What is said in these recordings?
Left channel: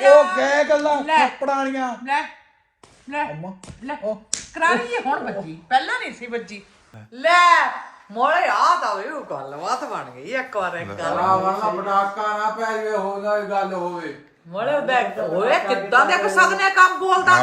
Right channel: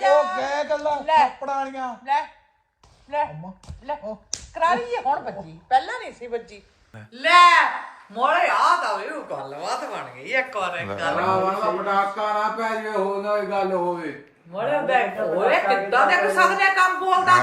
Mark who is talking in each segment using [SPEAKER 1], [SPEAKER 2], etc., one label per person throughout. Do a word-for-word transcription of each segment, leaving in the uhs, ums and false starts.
[SPEAKER 1] ਉਹ ਗਏ ਗੱਲਾਂ ਥੱਪੜਾਣੀਆਂ
[SPEAKER 2] ਲੈ ਲੈ ਲੈ ਕਰਾਰੀ ਹੁਣ ਬੱਜੀ ਪਹਿਲਾਂ ਨਹੀਂ ਸੀ ਬੱਜੀ ਲੈ ਮੋੜੇ ਆ ਤਾਂ ਇਹ ਗੱਲਬਾਤ ਬਣ ਗਈ ਇੱਕ ਵਾਰ ਇੱਕ ਗੱਲ
[SPEAKER 3] ਵਾਲਾ ਪਟਾਕਾ ਨਾ ਪੈ ਜੇ ਹੋ ਨਾ ਗੱਲ ਹੋਵੇ
[SPEAKER 2] ਮੋੜੇ ਬੈਠ ਹੋਏ ਕਿੱਦਾਂ ਦੇ ਸਕਦੇ ਕੰਮ ਬੋਲਦਾ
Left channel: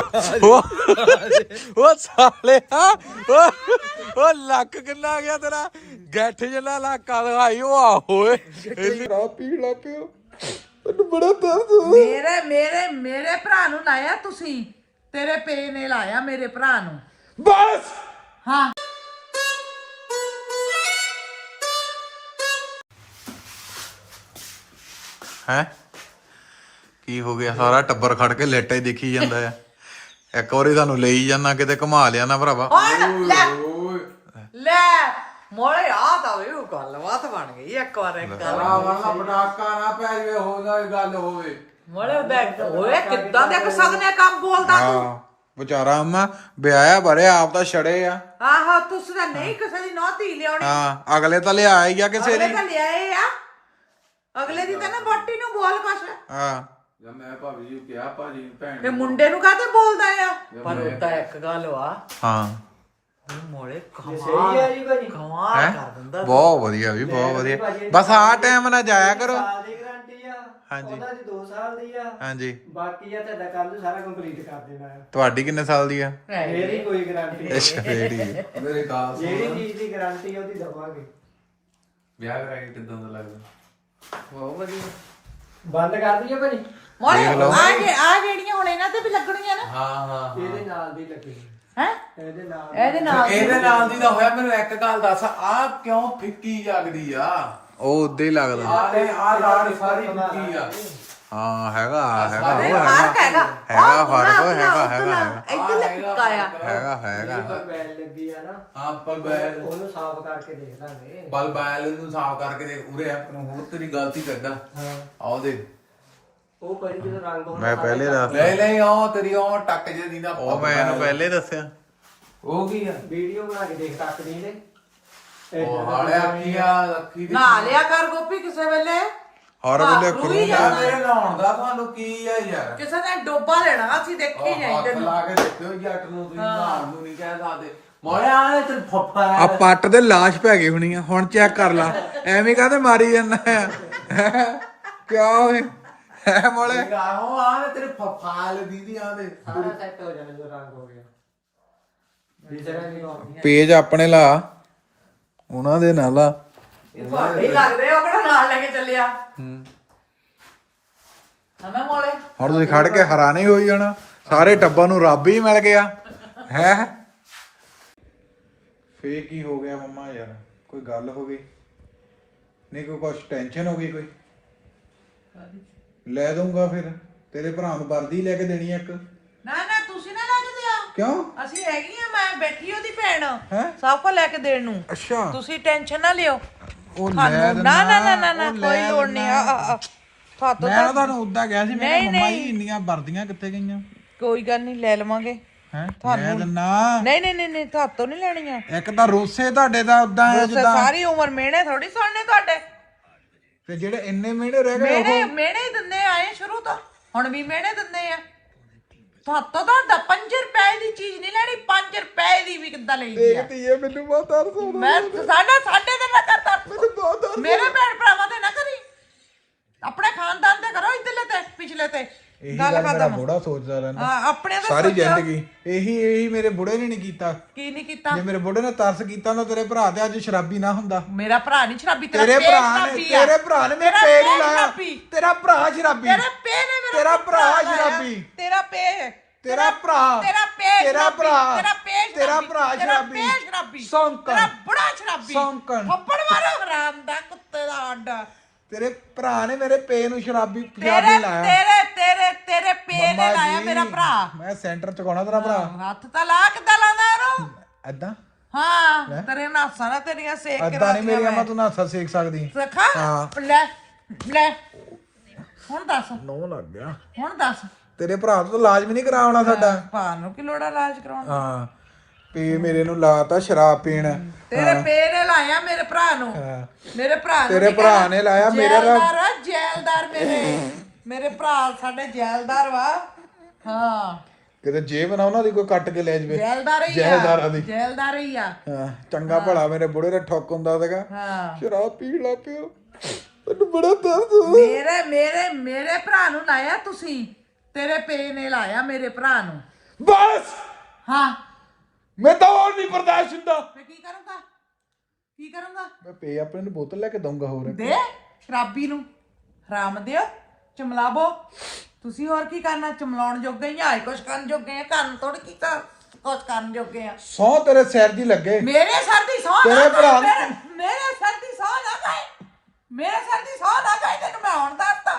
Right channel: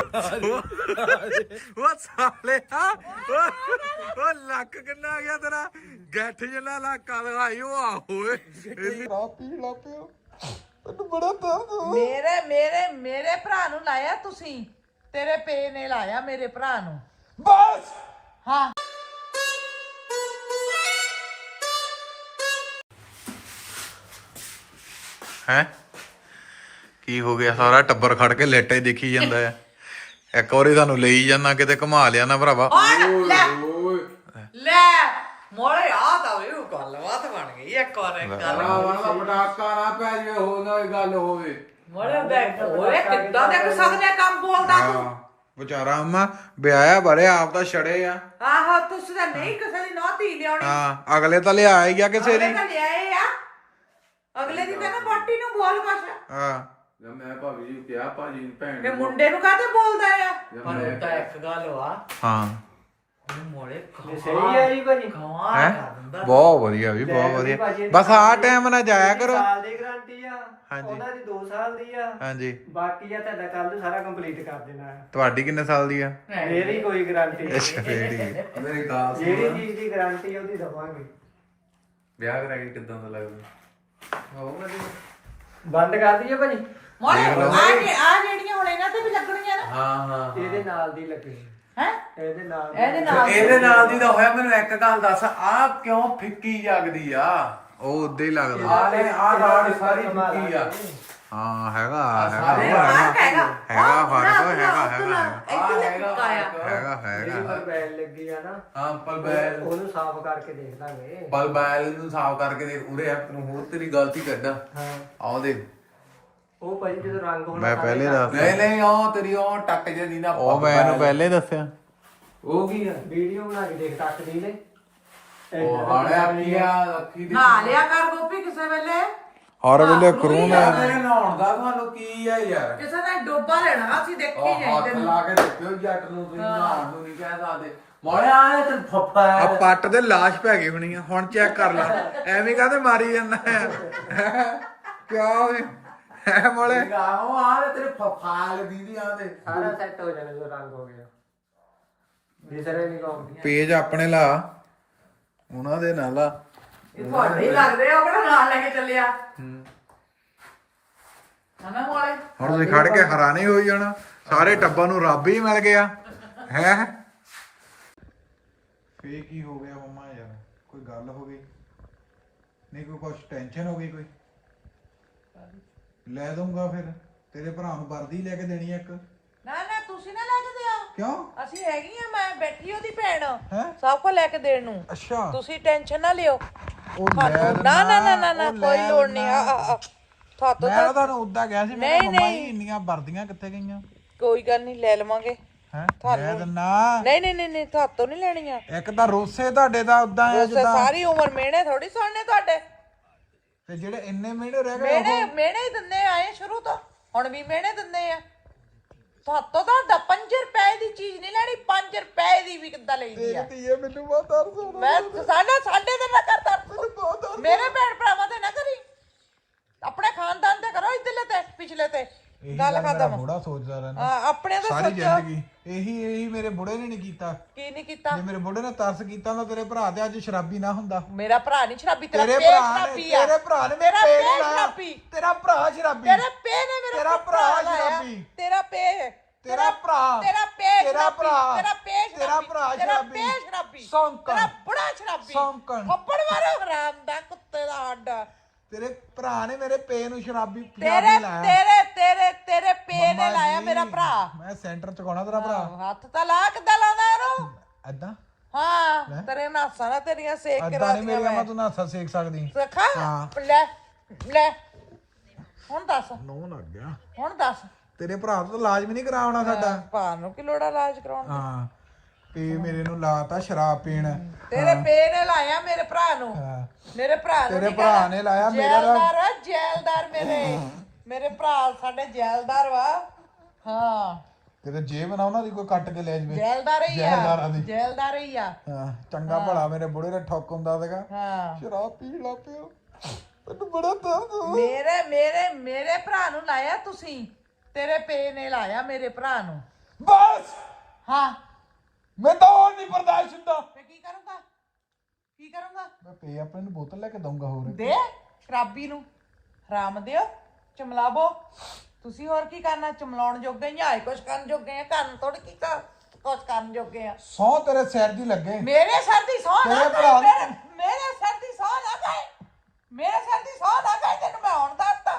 [SPEAKER 1] ਉਹ ਸਾਲਿਆ ਉਹ ਲੱਕ ਕਿੰਨਾ ਗਿਆ ਤੇਰਾ ਗੱਠ ਜਿੰਨਾ ਲੱਕਾ ਦਿਖਾਈ ਉਹ ਆ ਹੋਏ ਇੰਨੀ ਰਾ ਪੀੜ ਲਾ ਪਿਓ ਮੈਨੂੰ ਬੜਾ ਦਰਦ
[SPEAKER 2] ਮੇਰੇ ਮੇਰੇ ਮੇਰੇ ਭਰਾ ਨੂੰ ਲਾਇਆ ਤੁਸੀਂ ਤੇਰੇ ਪੇ ਨੇ ਲਾਇਆ ਮੇਰੇ ਭਰਾ ਨੂੰ
[SPEAKER 1] ਬਸ
[SPEAKER 2] ਹਾਂ
[SPEAKER 1] ਹੈ ਕੀ ਹੋ ਗਿਆ ਸਾਰਾ ਟੱਬਰ ਖੜ ਕੇ ਲੇਟੇ ਦੇਖੀ ਜਾਂਦਾ ਆ ਇੱਕ ਵਾਰੀ ਸਾਨੂੰ ਲਈ ਜਾਣਾ ਕਿਤੇ ਘੁਮਾ ਲਿਆ ਨਾ ਭਰਾਵਾ
[SPEAKER 2] ਲੈ ਮੋੜੇ ਆ ਤਾਂ ਇਹ ਗੱਲਬਾਤ ਬਣ ਗਈ ਇੱਕ ਵਾਰ ਇੱਕ ਗੱਲ
[SPEAKER 3] ਵਾਲਾ ਪਟਾਕਾ ਨਾ ਪੈ ਜੇ ਹੋ ਨਾ ਗੱਲ ਹੋਵੇ
[SPEAKER 2] ਮੋੜੇ ਬੈਠ ਹੋਏ ਕਿੱਦਾਂ ਦੇ ਸਕਦੇ ਕੰਮ ਬੋਲਦਾ
[SPEAKER 1] ਹਾਂ ਵਿਚਾਰਾ ਅੰਮਾ ਵਿਆਹਿਆ ਬਰੇ ਆਪ ਤਾਂ ਛੜੇ ਆ
[SPEAKER 2] ਆਹੋ ਤੁਸੀਂ ਤਾਂ ਨਹੀਂ ਕਿਸੇ ਦੀ ਨੌਤੀ ਲਿਆਉਣੀ
[SPEAKER 1] ਹਾਂ ਅਗਲੇ ਤਾਂ ਲਿਆ ਹੀ ਗਿਆ ਕਿਸੇ ਦੀ
[SPEAKER 2] ਲਿਆਏ ਆ ਅਗਲੇ ਦੀ ਤਾਂ ਨਾ ਬਾਟੀ ਨੂੰ ਬੋਲ ਕੁਛ
[SPEAKER 1] ਹਾਂ
[SPEAKER 3] ਮੈਂ ਭਾਬੀ ਜੀ ਕਿਹਾ ਭਾਜੀ ਭੈਣ
[SPEAKER 2] ਇਹ ਮੁੰਡੇ ਨੂੰ ਕਾਹਤੇ ਬੋਲਦਾ ਆ ਪਰ ਉਹ ਤਾਂ ਇੱਕ ਗੱਲ ਵਾ
[SPEAKER 1] ਹਾਂ
[SPEAKER 2] ਮੋੜੇ
[SPEAKER 4] ਸਹੀ ਆ ਜੀ ਭਾਜੀ
[SPEAKER 1] ਹੈ ਬਹੁਤ ਵਧੀਆ ਵੀ ਬਹੁਤ ਵਧੀਆ ਬਸ ਆਹ ਟਾਈਮ ਨਾ ਜਾਇਆ ਕਰੋ
[SPEAKER 4] ਸਾਲ ਦੀ ਗਾਰੰਟੀ ਆ
[SPEAKER 1] ਹਾਂਜੀ
[SPEAKER 4] ਉਹਦਾ ਜੀ ਦੋ ਸਾਲ ਦੀ ਆ
[SPEAKER 1] ਹਾਂਜੀ
[SPEAKER 4] ਬਾਕੀ ਆ ਤੁਹਾਡਾ ਕੱਲ ਨੂੰ ਸਾਰਾ ਕੰਪਲੀਟ ਕਰ ਦੇਣਾ ਹੈ
[SPEAKER 1] ਤੁਹਾਡੀ ਕਿੰਨੇ ਸਾਲ ਦੀ ਆ
[SPEAKER 4] ਮੇਰੀ ਕੋਈ ਗਾਰੰਟੀ
[SPEAKER 1] ਅੱਛਾ ਫੇੜੀ
[SPEAKER 3] ਮੇਰੇ ਗਾਲ
[SPEAKER 4] ਜਿਹੜੀ ਚੀਜ਼ ਦੀ ਗਾਰੰਟੀ ਉਹਦੀ ਦਵਾਂਗੇ
[SPEAKER 3] ਵਿਆਹ ਕਰਾ ਕੇ ਕਿੱਦਾਂ ਦਾ ਲੱਗਦਾ
[SPEAKER 4] ਬਹੁਤ ਵਧੀਆ ਬੰਦ ਕਰ ਦਈਏ ਭਾਜੀ
[SPEAKER 2] ਮੋੜੇ ਆ ਜੇ ਆ ਜਿਹੜੀਆਂ ਹੁਣ ਇਹਨਾਂ ਤੇ ਵੀ ਲੱਗਣੀਆਂ ਨਾ
[SPEAKER 3] ਹਾਂ ਹਾਂ
[SPEAKER 4] ਇਹਦੇ ਨਾਲ ਦੀ ਲੱਗਣੀ
[SPEAKER 2] ਹੈ
[SPEAKER 4] ਇਹਦੇ ਨਾਲ
[SPEAKER 2] ਇਹਦੇ ਨਾਲ
[SPEAKER 3] ਇਹਦੇ ਨਾਲ ਦੀ ਤਾਂ ਹੋਇਆ ਮੈਨੂੰ ਇੱਕ ਗੱਲ ਦੱਸ ਆ ਕਿਉਂ ਫਿੱਕੀ ਜਗਦੀ ਆ
[SPEAKER 1] ਉਹ ਉਦਾਂ ਹੀ ਲੱਗਦਾ
[SPEAKER 3] ਆ ਨੇ ਆ ਰਾੜ ਸਾਰੀ ਫਿੱਕੀ ਆ
[SPEAKER 1] ਹਾਂ ਹੈਗਾ ਹੈਗਾ ਉਹ ਹੈਗਾ ਹੈਗਾ ਫਰਕ ਉਹ ਹੈਗਾ ਹੈਗਾ
[SPEAKER 2] ਇੱਥੇ ਲੱਗਾ ਆ
[SPEAKER 1] ਹੈਗਾ ਹੈਗਾ
[SPEAKER 4] ਬੈਲ ਲੱਗੀ ਆ ਨਾ
[SPEAKER 3] ਹਾਂ ਪਰ ਬੈਲ
[SPEAKER 4] ਉਹਨੂੰ ਸਾਫ਼ ਕਰਕੇ ਦੇਖ ਲਾਂਗੇ
[SPEAKER 3] ਬਲ ਬੈਲ ਨੂੰ ਸਾਫ਼ ਕਰਕੇ ਦੇ ਉਰੇ ਆਪ ਨੂੰ ਹੋਰ ਤੇਰੀ ਗਲਤੀ ਕੱਢਾ
[SPEAKER 4] ਹਾਂ
[SPEAKER 3] ਆਓ ਦੇ
[SPEAKER 4] ਉਹ ਭਾਜੀ ਜਦੋਂ ਰੰਗ ਹੋਣਾ
[SPEAKER 1] ਮੈਂ ਪਹਿਲੇ ਦੱਸ
[SPEAKER 3] ਨਹੀਂ ਨਹੀਂ ਉਹ ਤੇਰੀ ਉਹ ਟੱਕ ਜੇ ਦੀ ਨਾ
[SPEAKER 1] ਉਹ ਮੈਂ ਇਹਨੂੰ ਪਹਿਲੇ ਦੱਸਿਆ
[SPEAKER 3] ਉਹ ਕੀ ਆ
[SPEAKER 4] ਵੀਡੀਓ ਬਣਾ ਕੇ ਦੇਖ ਤੱਕ ਦੀ ਨੇ
[SPEAKER 3] ਉਹ ਹਾਲੇ ਅੱਖੀ ਆ ਅੱਖੀ ਦੀ
[SPEAKER 2] ਨਾ ਲਿਆ ਕਰ ਗੋਪੀ ਕਿਸੇ ਵੇਲੇ
[SPEAKER 1] ਹਰ ਵੇਲੇ ਕਰੂ
[SPEAKER 3] ਯਾਰ ਮੇਰੇ ਨਹਾਉਣ ਦਾ ਤੁਹਾਨੂੰ ਕੀ ਆ ਯਾਰ
[SPEAKER 2] ਕਿਸੇ ਨੇ ਡੋਬਾ ਲੈਣਾ ਅਸੀਂ ਦੇਖੀ
[SPEAKER 3] ਉਹ
[SPEAKER 2] ਨਹੀਂ
[SPEAKER 3] ਹੱਥ ਲਾ ਕੇ ਦੇਖਿਓ ਜੱਟ ਨੂੰ ਤੁਸੀਂ ਨਹਾਉਣ ਨੂੰ ਨਹੀਂ ਕਹਿ ਸਕਦੇ ਮੋੜਿਆ ਆਏ ਤੇ ਫੱਫਾ
[SPEAKER 1] ਆ ਪੱਟ ਦੇ ਲਾਸ਼ ਪੈ ਗਈ ਹੋਣੀ ਆ ਹੁਣ ਚੈੱਕ ਕਰ ਲਾ ਐਵੇਂ ਕਾਹਦੇ ਮਾਰੀ ਜਾਂਦਾ ਆ ਕਿਆ ਹੋਏ ਹੈ ਮੋਲੇ
[SPEAKER 3] ਆਹੋ ਆ ਤੇਰੇ ਫੱਫਾ ਲੱਗੀ ਦੀ ਆ ਦੇ
[SPEAKER 4] ਸਾਰਾ ਸੈੱਟ ਹੋ ਜਾਣਾ ਜਦੋਂ ਰੰਗ ਹੋ ਗਿਆ ਦੂਸਰੇ ਨਹੀਂ ਹੋਣੀ
[SPEAKER 1] ਪੇਜ ਆਪਣੇ ਲਾ ਉਹਨਾਂ ਦੇ ਨਾਲ ਆ
[SPEAKER 2] ਇਹ ਤੁਹਾਡੇ ਲੱਗ ਰਹੇ ਹੋ ਕਿਹੜਾ ਨਾਲ ਲੈ ਕੇ ਚੱਲਿਆ
[SPEAKER 1] ਹੂੰ
[SPEAKER 2] ਹਮੇ ਮੋਲੇ
[SPEAKER 1] ਹੁਣ ਤੁਸੀਂ ਖੜ ਕੇ ਹੈਰਾਨੀ ਹੋਈ ਜਾਣਾ ਸਾਰੇ ਟੱਬਰ ਨੂੰ ਰੱਬ ਹੀ ਮਿਲ ਗਿਆ ਹੈ ਫੇ ਕੀ ਹੋ ਗਿਆ ਮੰਮਾ ਯਾਰ ਕੋਈ ਗੱਲ ਹੋ ਗਈ ਨਹੀਂ ਕੋਈ ਕੁਛ ਟੈਨਸ਼ਨ ਹੋ ਗਈ ਕੋਈ ਲੈ ਦਊਂਗਾ ਫਿਰ ਤੇਰੇ ਭਰਾ ਨੂੰ ਵਰਦੀ ਲੈ ਕੇ ਦੇਣੀ ਆ ਇੱਕ
[SPEAKER 2] ਨਾ ਨਾ ਤੁਸੀਂ ਨਾ ਲੈ ਕੇ ਦਿਓ
[SPEAKER 1] ਕਿਉਂ
[SPEAKER 2] ਅਸੀਂ ਹੈਗੀ ਆ ਮੈਂ ਬੈਠੀ ਉਹਦੀ ਭੈਣ
[SPEAKER 1] ਹੈਂ?
[SPEAKER 2] ਸਭ ਕੋ ਲੈ ਕੇ ਦੇਣ ਨੂੰ
[SPEAKER 1] ਅੱਛਾ
[SPEAKER 2] ਤੁਸੀਂ ਟੈਨਸ਼ਨ ਨਾ ਲਿਓ
[SPEAKER 1] ਉਹ ਲੈ
[SPEAKER 2] ਨਾ
[SPEAKER 1] ਦਿੰਦਾ
[SPEAKER 2] ਨਾ ਨਾ ਨਾ ਨਾ
[SPEAKER 1] ਉਹ
[SPEAKER 2] ਕੋਈ
[SPEAKER 1] ਲੈ
[SPEAKER 2] ਲੋੜ ਨਹੀਂ
[SPEAKER 1] ਦਿੰਦਾ।
[SPEAKER 2] ਆ, ਆ, ਆ। ਹੱਥ
[SPEAKER 1] ਮੈਂ ਨਾ ਤੁਹਾਨੂੰ ਉਦਾਂ ਕਿਹਾ ਸੀ ਮੈਂ ਕਿਹਾ
[SPEAKER 2] ਨਹੀਂ,
[SPEAKER 1] ਮੰਮਾ
[SPEAKER 2] ਨਹੀਂ।
[SPEAKER 1] ਜੀ ਇੰਨੀਆਂ ਵਰਦੀਆਂ ਕਿੱਥੇ ਗਈਆਂ
[SPEAKER 2] ਕੋਈ ਗੱਲ ਨਹੀਂ ਲੈ ਲਵਾਂਗੇ
[SPEAKER 1] ਹੈ ਲੈ ਦਿੰਨਾ
[SPEAKER 2] ਨਹੀਂ ਨਹੀਂ ਨਹੀਂ ਨਹੀਂ ਤੁਹਾਤੋਂ ਨਹੀਂ ਲੈਣੀਆਂ
[SPEAKER 1] ਇੱਕ ਤਾਂ ਰੋਸੇ ਤੁਹਾਡੇ ਦਾ ਉਦਾਂ ਆ
[SPEAKER 2] ਤੁਸੀਂ
[SPEAKER 1] ਜਿੱਦਾਂ
[SPEAKER 2] ਸਾਰੀ ਉਮਰ ਮਿਹਣੇ ਥੋੜੀ ਸੁਣਨੇ ਤੁਹਾਡੇ
[SPEAKER 1] ਤੇ ਜਿਹੜੇ ਇੰਨੇ ਮਹੀਨੇ ਰਹਿ ਗਏ
[SPEAKER 2] ਮਿਹਣੇ
[SPEAKER 1] ਉਹ
[SPEAKER 2] ਮਿਹਣੇ ਹੀ ਦਿੰਦੇ ਆਏ ਸ਼ੁਰੂ ਤੋਂ ਹੁਣ ਵੀ ਮਿਹਣੇ ਦਿੰਦੇ ਆ ਤੁਹਾਤੋਂ ਤਾਂ ਪੰਜ ਰੁਪਏ ਦੀ ਚੀਜ਼ ਨਹੀਂ ਲੈਣੀ ਪੰਜ ਰੁਪਏ ਦੀ ਵੀ ਕਿੱਦਾਂ ਲਈਦੀ ਆ
[SPEAKER 1] ਦੇਖਦੀ ਹੈ ਮੈਨੂੰ ਬਹੁਤ ਤਰਸ ਆਉਂਦਾ
[SPEAKER 2] ਮੈਂ ਸਾਡਾ ਸਾਡੇ ਤੇ ਨਾ ਕਰਦਾ
[SPEAKER 1] ਮੈਨੂੰ ਬਹੁਤ ਤਰਸ
[SPEAKER 2] ਮੇਰੇ ਭੈਣ ਭਰਾਵਾਂ ਤੇ ਨਾ ਕਰੀ ਆਪਣੇ ਖਾਨਦਾਨ ਤੇ ਕਰੋ ਇੱਧਰਲੇ ਤੇ ਪਿਛਲੇ ਤੇ
[SPEAKER 1] ਇਹੀ ਗੱਲ ਮੇਰਾ
[SPEAKER 2] ਖਤਮ।
[SPEAKER 1] ਬੁੜਾ ਸੋਚਦਾ ਰਹਿੰਦਾ
[SPEAKER 2] ਹਾਂ, ਆਪਣੇ ਤੇ
[SPEAKER 1] ਸਾਰੀ
[SPEAKER 2] ਸੋਚੋ।
[SPEAKER 1] ਜ਼ਿੰਦਗੀ ਇਹੀ ਇਹੀ ਮੇਰੇ ਬੁੜੇ ਨੇ ਨਹੀਂ ਕੀਤਾ
[SPEAKER 2] ਕੀ ਨਹੀਂ ਕੀਤਾ
[SPEAKER 1] ਜੇ ਮੇਰੇ ਬੁੜੇ ਨੇ ਤਰਸ ਕੀਤਾ ਨਾ ਤੇਰੇ ਭਰਾ ਤੇ ਅੱਜ ਸ਼ਰਾਬੀ ਨਾ ਹੁੰਦਾ
[SPEAKER 2] ਮੇਰਾ ਭਰਾ ਨਹੀਂ ਸ਼ਰਾਬੀ ਤੇਰਾ
[SPEAKER 1] ਤੇਰੇ
[SPEAKER 2] ਪੇਟ
[SPEAKER 1] ਭਰਾ ਨੇ
[SPEAKER 2] ਸ਼ਰਾਬੀ ਆ।
[SPEAKER 1] ਤੇਰੇ ਭਰਾ ਨੇ ਮੇਰੇ
[SPEAKER 2] ਤੇਰਾ
[SPEAKER 1] ਪੇ
[SPEAKER 2] ਪੇਟ
[SPEAKER 1] ਨਹੀਂ ਲਾਇਆ
[SPEAKER 2] ਸ਼ਰਾਬੀ।
[SPEAKER 1] ਤੇਰਾ ਭਰਾ ਸ਼ਰਾਬੀ
[SPEAKER 2] ਤੇਰਾ ਪੇ ਨੇ ਮੇਰਾ
[SPEAKER 1] ਤੇਰਾ ਭਰਾ
[SPEAKER 2] ਲਾਇਆ।
[SPEAKER 1] ਸ਼ਰਾਬੀ।
[SPEAKER 2] ਤੇਰਾ ਪੇ
[SPEAKER 1] ਤੇਰਾ ਭਰਾ
[SPEAKER 2] ਤੇਰਾ ਪੇ
[SPEAKER 1] ਤੇਰਾ
[SPEAKER 2] ਸ਼ਰਾਬੀ।
[SPEAKER 1] ਭਰਾ
[SPEAKER 2] ਤੇਰਾ ਪੇ
[SPEAKER 1] ਤੇਰਾ
[SPEAKER 2] ਸ਼ਰਾਬੀ।
[SPEAKER 1] ਭਰਾ
[SPEAKER 2] ਤੇਰਾ
[SPEAKER 1] ਸ਼ਰਾਬੀ
[SPEAKER 2] ਪੇ ਸ਼ਰਾਬੀ
[SPEAKER 1] ਸੌਂਕਣ
[SPEAKER 2] ਤੇਰਾ ਬੁੜਾ ਸ਼ਰਾਬੀ
[SPEAKER 1] ਸੌਂਕਣ।
[SPEAKER 2] ਥੱਪੜ ਮਾਰੋ ਹਰਾਮ ਦਾ ਕੁੱਤੇ ਦਾ ਆਡਾ
[SPEAKER 1] ਤੇਰੇ ਭਰਾ ਨੇ ਮੇਰੇ ਪੇ ਨੂੰ ਸ਼ਰਾਬੀ
[SPEAKER 2] ਤੇਰੇ
[SPEAKER 1] ਪੰਜਾਬੀ ਲਾਇਆ
[SPEAKER 2] ਤੇਰੇ ਤੇਰੇ ਤੇਰੇ ਪੇ ਨੇ
[SPEAKER 1] ਮੰਮਾ
[SPEAKER 2] ਲਾਇਆ
[SPEAKER 1] ਜੀ,
[SPEAKER 2] ਮੇਰਾ ਭਰਾ
[SPEAKER 1] ਮੈਂ ਸੈਂਟਰ ਚ ਕੋਣਾ ਤੇਰਾ ਭਰਾ
[SPEAKER 2] ਹੱਥ ਤਾਂ ਲਾ ਕਿੱਦਾਂ ਲਾਉਂਦਾ ਇਹਨੂੰ
[SPEAKER 1] ਐਦਾਂ
[SPEAKER 2] ਹਾਂ ਤੇਰੇ ਨਾਸਾਂ ਨਾ ਤੇਰੀਆਂ ਸੇਕ ਕੇ
[SPEAKER 1] ਐਦਾਂ ਨਹੀਂ ਮੇਰੀ ਅਮਾ ਤੂੰ ਨਾਸਾ ਸੇਕ ਸਕਦੀ
[SPEAKER 2] ਸਖਾ
[SPEAKER 1] ਹਾਂ।
[SPEAKER 2] ਲੈ ਲੈ ਹੁਣ ਦੱਸ
[SPEAKER 1] ਨੋ ਲੱਗ ਗਿਆ
[SPEAKER 2] ਹੁਣ ਦੱਸ
[SPEAKER 1] ਤੇਰੇ ਭਰਾ ਤੋਂ ਇਲਾਜ ਵੀ ਨਹੀਂ ਕਰਾਉਣਾ ਸਾਡਾ
[SPEAKER 2] ਭਾ ਨੂੰ ਕਿ ਲੋੜਾ ਇਲਾਜ ਕਰਾਉਣ
[SPEAKER 1] ਹਾਂ ਪੇ ਮੇਰੇ ਨੂੰ ਲਾਤਾ ਸ਼ਰਾਬ ਪੀਣ
[SPEAKER 2] ਤੇਰੇ ਪੇ ਨੇ ਲਾਇਆ ਮੇਰੇ ਭਰਾ ਨੂੰ
[SPEAKER 1] ਹਾਂ।
[SPEAKER 2] ਮੇਰੇ ਭਰਾ ਨੂੰ
[SPEAKER 1] ਤੇਰੇ
[SPEAKER 2] ਨੀ
[SPEAKER 1] ਭਰਾ
[SPEAKER 2] ਕਹਿਣਾ।
[SPEAKER 1] ਨੇ ਲਾਇਆ ਮੇਰੇ ਨਾਲ
[SPEAKER 2] ਜੈਲਦਾਰ ਆ, ਜੈਲਦਾਰ ਮੇਰੇ ਮੇਰੇ ਭਰਾ ਸਾਡੇ ਜੈਲਦਾਰ ਵਾ ਹਾਂ
[SPEAKER 1] ਕਿਤੇ ਜੇਬ ਨਾ ਉਹਨਾਂ ਦੀ ਕੋਈ ਕੱਟ ਕੇ ਲੈ ਜਵੇ
[SPEAKER 2] ਜੈਲਦਾਰ ਹੀ ਆ
[SPEAKER 1] ਜੈਲਦਾਰਾਂ ਦੀ
[SPEAKER 2] ਜੈਲਦਾਰ ਹੀ ਆ
[SPEAKER 1] ਹਾਂ ਚੰਗਾ ਭਲਾ ਮੇਰੇ ਬੁੜੇ ਦਾ ਠੁੱਕ ਹੁੰਦਾ ਸੀਗਾ
[SPEAKER 2] ਹਾਂ
[SPEAKER 1] ਸ਼ਰਾਬ ਪੀਣ ਲੱਗ ਪਿਓ ਮੈਨੂੰ ਬੜਾ ਦਰਦ ਹੁੰਦਾ
[SPEAKER 2] ਮੇਰੇ ਮੇਰੇ ਮੇਰੇ ਭਰਾ ਨੂੰ ਲਾਇਆ ਤੁਸੀਂ ਤੇਰੇ ਪੇ ਨੇ ਲਾਇਆ ਮੇਰੇ ਭਰਾ ਨੂੰ
[SPEAKER 1] ਬਸ
[SPEAKER 2] ਹਾਂ
[SPEAKER 1] ਮੈਂ ਤਾਂ ਹੋਰ ਨਹੀਂ ਬਰਦਾਸ਼ਤ ਹੁੰਦਾ
[SPEAKER 2] ਮੈਂ ਕੀ ਕਰੂੰਗਾ ਕੀ ਕਰੂੰਗਾ
[SPEAKER 1] ਮੈਂ ਪੇ ਆਪਣੇ ਨੂੰ ਬੋਤਲ ਲੈ ਕੇ ਦਊਂਗਾ ਹੋਰ
[SPEAKER 2] ਦੇ ਸ਼ਰਾਬੀ ਨੂੰ ਹਰਾਮ ਦਿਓ ਚਮਲਾਵੋ ਤੁਸੀਂ ਹੋਰ ਕੀ ਕਰਨਾ ਚਮਲਾਉਣ ਜੋਗੇ ਹੀ ਆ ਕੁਛ ਕਰਨ ਜੋਗੇ ਆ ਕਰਨ ਥੋੜੀ ਕੀ ਕਰ ਕੁਛ ਕਰਨ ਜੋਗੇ ਆ
[SPEAKER 1] ਸੌ ਤੇਰੇ ਸਿਰ ਦੀ ਲੱਗੇ
[SPEAKER 2] ਮੇਰੇ ਸਿਰ ਦੀ ਸੌ
[SPEAKER 1] ਤੇਰੇ ਭਰਾ
[SPEAKER 2] ਮੇਰੇ ਸਿਰ ਦੀ ਸੌ ਨਾ ਗਏ ਮੇਰੇ ਸਿਰ ਦੀ ਸੌ ਨਾ ਗਏ ਤੈਨੂੰ ਮੈਂ ਹੁਣ ਦੱਸਦਾ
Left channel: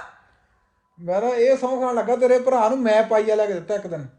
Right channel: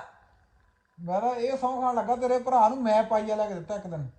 [SPEAKER 1] ਮੈਂ ਤਾਂ ਇਹ ਸੌ ਖਾਣ ਲੱਗਾ ਤੇਰੇ ਭਰਾ ਨੂੰ ਮੈਂ ਪਾਈਆ ਲੈ ਕੇ ਦਿੱਤਾ ਇੱਕ ਦਿਨ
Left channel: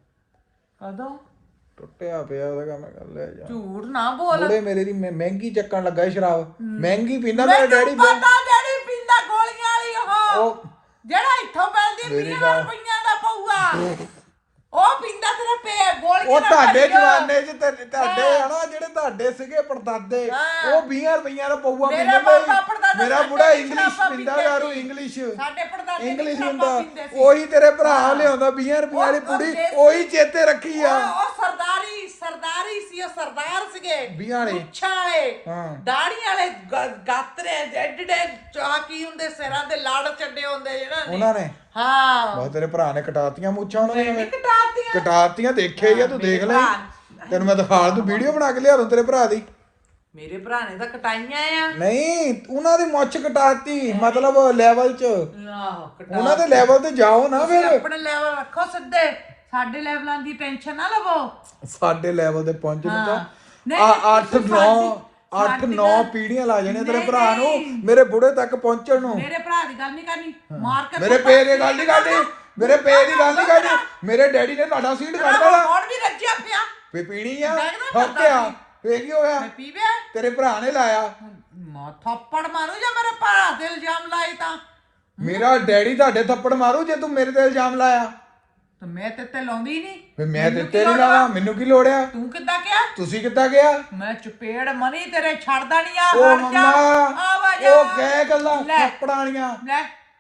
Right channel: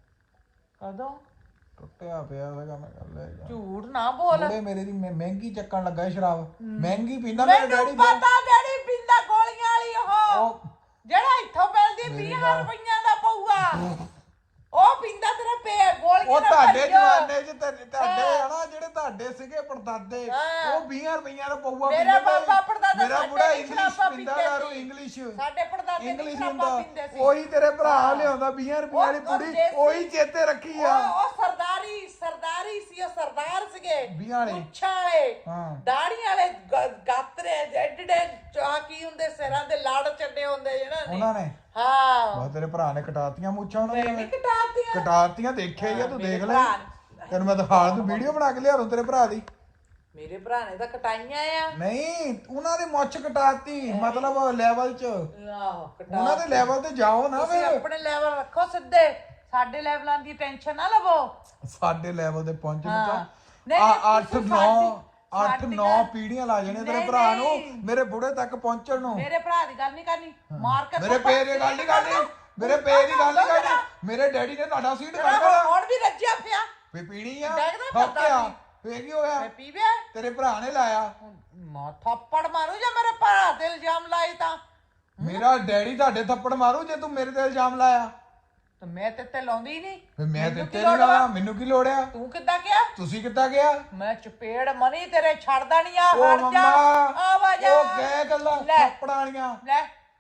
[SPEAKER 2] ਕਦੋਂ
[SPEAKER 1] ਟੁੱਟਿਆ ਪਿਆ ਉਹਦਾ ਮੈਂ ਕਰ ਲਿਆ ਜਾ
[SPEAKER 2] ਝੂਠ ਨਾ ਬੋਲ
[SPEAKER 1] ਬੁੜੇ ਮੇਰੇ ਦੀ ਮੈਂ ਮਹਿੰਗੀ ਚੱਕਣ ਲੱਗਾ ਸੀ ਸ਼ਰਾਬ ਮਹਿੰਗੀ ਪੀਂਦਾ ਮੇਰਾ ਡੈਡੀ
[SPEAKER 2] ਪਤਾ ਡੈਡੀ ਪੀਂਦਾ ਗੋਲੀਆਂ ਵਾਲੀ ਉਹ
[SPEAKER 1] ਉਹ
[SPEAKER 2] ਜਿਹੜਾ ਇੱਥੋਂ ਮਿਲਦੀ
[SPEAKER 1] ਮੇਰੀ
[SPEAKER 2] ਵੀਹ
[SPEAKER 1] ਗੱਲ-
[SPEAKER 2] ਰੁਪਈਆਂ ਦਾ ਪਊਆ ਉਹ ਪੀਂਦਾ ਤੇਰੇ ਪੇ ਗੋਲੀਆਂ
[SPEAKER 1] ਉਹ
[SPEAKER 2] ਨਾਲ
[SPEAKER 1] ਤੁਹਾਡੇ
[SPEAKER 2] ਭਰ ਗਿਆ।
[SPEAKER 1] ਜਵਾਨੇ ਚ ਤੇ ਤੁਹਾਡੇ ਹਨਾ ਜਿਹੜੇ ਤੁਹਾਡੇ ਸੀਗੇ ਪੜਦਾਦੇ
[SPEAKER 2] ਹਾਂ।
[SPEAKER 1] ਉਹ ਵੀਹ ਰੁਪਈਆਂ ਦਾ ਪਊਆ
[SPEAKER 2] ਮੇਰੇ
[SPEAKER 1] ਪੀਂਦੇ
[SPEAKER 2] ਪਾਪਾ ਪੜਦਾਦੇ
[SPEAKER 1] ਮੇਰਾ
[SPEAKER 2] ਸਾਡੇ
[SPEAKER 1] ਬੁੜਾ
[SPEAKER 2] ਵੀ
[SPEAKER 1] ਇੰਗਲਿਸ਼
[SPEAKER 2] ਸ਼ਰਾਬਾਂ
[SPEAKER 1] ਪੀਂਦਾ
[SPEAKER 2] ਪੀਂਦੇ
[SPEAKER 1] ਦਾਰੂ
[SPEAKER 2] ਸੀ।
[SPEAKER 1] ਇੰਗਲਿਸ਼
[SPEAKER 2] ਸਾਡੇ ਪੜਦਾਦੇ
[SPEAKER 1] ਇੰਗਲਿਸ਼
[SPEAKER 2] ਸ਼ਰਾਬਾਂ
[SPEAKER 1] ਹੁੰਦਾ
[SPEAKER 2] ਪੀਂਦੇ ਸੀ।
[SPEAKER 1] ਉਹੀ ਤੇਰੇ ਭਰਾ ਲਿਆਉਂਦਾ ਵੀਹ ਰੁਪਈਆਂ ਦੀ
[SPEAKER 2] ਉਹ-
[SPEAKER 1] ਪੁੜੀ
[SPEAKER 2] ਉਹ ਦੇਸੀ-
[SPEAKER 1] ਉਹੀ ਚੇਤੇ ਰੱਖੀ ਆ
[SPEAKER 2] ਉਹ ਉਹ ਸਰਦਾਰੀ ਸਰਦਾਰੀ ਸੀ ਉਹ ਸਰਦਾਰ ਸੀਗੇ
[SPEAKER 1] ਵੀਹਾਂ ਵਾਲੇ।
[SPEAKER 2] ਮੁੱਛਾਂ ਵਾਲੇ
[SPEAKER 1] ਹਾਂ।
[SPEAKER 2] ਦਾੜੀ ਵਾਲੇ ਗ- ਗਾਤਰੇ ਐਡੇ ਚਾਕੀ ਹੁੰਦੇ ਸਿਰਾਂ ਤੇ ਲੜ ਚੱਡੇ ਹੁੰਦੇ ਜਿਹੜਾ
[SPEAKER 1] ਉਹਨਾਂ ਨੇ
[SPEAKER 2] ਹਾਂ
[SPEAKER 1] ਬਸ ਤੇਰੇ ਭਰਾ ਨੇ ਕਟਾਤੀਆਂ ਮੁੱਛਾਂ ਉਹਨਾਂ
[SPEAKER 2] ਨਹੀਂ
[SPEAKER 1] ਦੀਆਂ
[SPEAKER 2] ਕਟਾਤੀਆਂ
[SPEAKER 1] ਕਟਾਤੀਆਂ ਦੇਖਿਆ ਹੀ ਆ ਤੂੰ ਦੇਖ ਲੈ
[SPEAKER 2] ਭਰਾ-
[SPEAKER 1] ਤੈਨੂੰ ਮੈਂ ਦਿਖਾ ਦੂੰ ਵੀਡੀਓ ਬਣਾ ਕੇ ਲਿਆ ਦੂੰ ਤੇਰੇ ਭਰਾ ਦੀ
[SPEAKER 2] ਮੇਰੇ ਭਰਾ ਨੇ ਤਾਂ ਕਟਾਈਆਂ ਆ
[SPEAKER 1] ਨਹੀਂ ਉਹਨਾਂ ਦੀ ਮੁੱਛ ਕਟਾਤੀ ਮਤਲਬ ਲੈਵਲ 'ਚ
[SPEAKER 2] ਆਹੋ ਕਟਾ
[SPEAKER 1] ਉਹਨਾਂ ਦੇ ਲੈਵਲ ਤੇ ਜਾਓ ਨਾ ਫਿਰ
[SPEAKER 2] ਆਪਣੇ ਲੈਵਲ ਰੱਖੋ ਸਿੱਧੇ ਸਾਡੇ ਲੈਵਲਾਂ ਦੀ ਟੈਨਸ਼ਨ ਨਾ ਲਵੋ
[SPEAKER 1] ਸਾਡੇ ਲੈਵਲ ਤੇ ਪਹੁੰਚਣ
[SPEAKER 2] ਹਾਂ।
[SPEAKER 1] ਤਾਂ
[SPEAKER 2] ਨਹੀਂ,
[SPEAKER 1] ਆ
[SPEAKER 2] ਨਹੀਂ,
[SPEAKER 1] ਅੱਠ
[SPEAKER 2] ਤੁਸੀਂ
[SPEAKER 1] ਨੌ
[SPEAKER 2] ਸਾਡੀ-
[SPEAKER 1] ਅੱਠ
[SPEAKER 2] ਸਾਡੀ
[SPEAKER 1] ਨੌ
[SPEAKER 2] ਗੱਲ-
[SPEAKER 1] ਪੀੜ੍ਹੀਆਂ ਲਾ ਜਾਣੀਆਂ ਤੇਰੇ
[SPEAKER 2] ਨਹੀਂ,
[SPEAKER 1] ਭਰਾ ਨੂੰ
[SPEAKER 2] ਨਹੀਂ।
[SPEAKER 1] ਮੇਰੇ ਬੁੜੇ ਤੱਕ ਪਹੁੰਚਣ ਨੂੰ
[SPEAKER 2] ਮੇਰੇ ਭਰਾ ਦੀ ਗੱਲ ਨਹੀਂ ਕਰਨੀ ਮਾਰ ਕੇ
[SPEAKER 1] ਮੇਰੇ ਪੇ ਦੀ ਗੱਲ ਨਹੀਂ ਕਰਨੀ ਮੇਰੇ ਪੇ ਦੀ ਗੱਲ ਨਹੀਂ ਕਰਨੀ ਮੇਰੇ ਡੈਡੀ ਨੇ ਤੁਹਾਡਾ ਸੀਟ ਕੱਢ ਦੇਣਾ
[SPEAKER 2] ਹੁਣ ਵੀ ਰੱਜਿਆ ਪਿਆ
[SPEAKER 1] ਫੇ ਪੀਣੀ ਆ
[SPEAKER 2] ਡੈਡੀ ਦਾ
[SPEAKER 1] ਠੋਕਿਆ ਫੇ ਕੀ ਹੋਇਆ
[SPEAKER 2] ਮੈਂ ਪੀਵੇ
[SPEAKER 1] ਤੇਰੇ ਭਰਾ ਨੇ ਲਾਇਆ
[SPEAKER 2] ਮਾ ਥੱਪੜ ਮਾਰੂ ਜਾਂ ਮੇਰੇ ਭਰਾ ਤੇ ਇਲਜ਼ਾਮ ਲਾਏ ਤਾਂ
[SPEAKER 1] ਮੇਰਾ ਡੈਡੀ ਤੁਹਾਡੇ ਥੱਪੜ ਮਾਰੂ ਜੇ ਤੂੰ ਮੇਰੇ ਤੇ ਇਲਜ਼ਾਮ ਲਾਇਆ
[SPEAKER 2] ਤੇ ਮੈਂ ਤੇ ਤੇ ਲਾਉਂਦੀ ਨਹੀਂ
[SPEAKER 1] ਫੇ ਮੈਂ ਤੇ ਤੇਰੀ ਲਾਵਾਂ ਮੈਨੂੰ ਕੀ ਲੋੜ ਆ
[SPEAKER 2] ਤੂੰ ਕਿੱਦਾਂ ਗਿਆ
[SPEAKER 1] ਤੁਸੀਂ ਕਿੱਦਾਂ ਗਿਆ
[SPEAKER 2] ਮੈਂ ਚਪੇੜ ਮਨੀ ਤੇਰੇ ਛੱਡਦਾ ਨਹੀਂ ਆ
[SPEAKER 1] ਉਹ
[SPEAKER 2] ਹਟ ਜਾ,
[SPEAKER 1] ਮੰਮਾ
[SPEAKER 2] ਆਵਾਜ਼
[SPEAKER 1] ਉਹ ਕਹਿ ਗੱਲਾਂ
[SPEAKER 2] ਲੈ।
[SPEAKER 1] ਥੱਪੜਾਂ ਵਾਲੀਆਂ
[SPEAKER 2] ਲੈ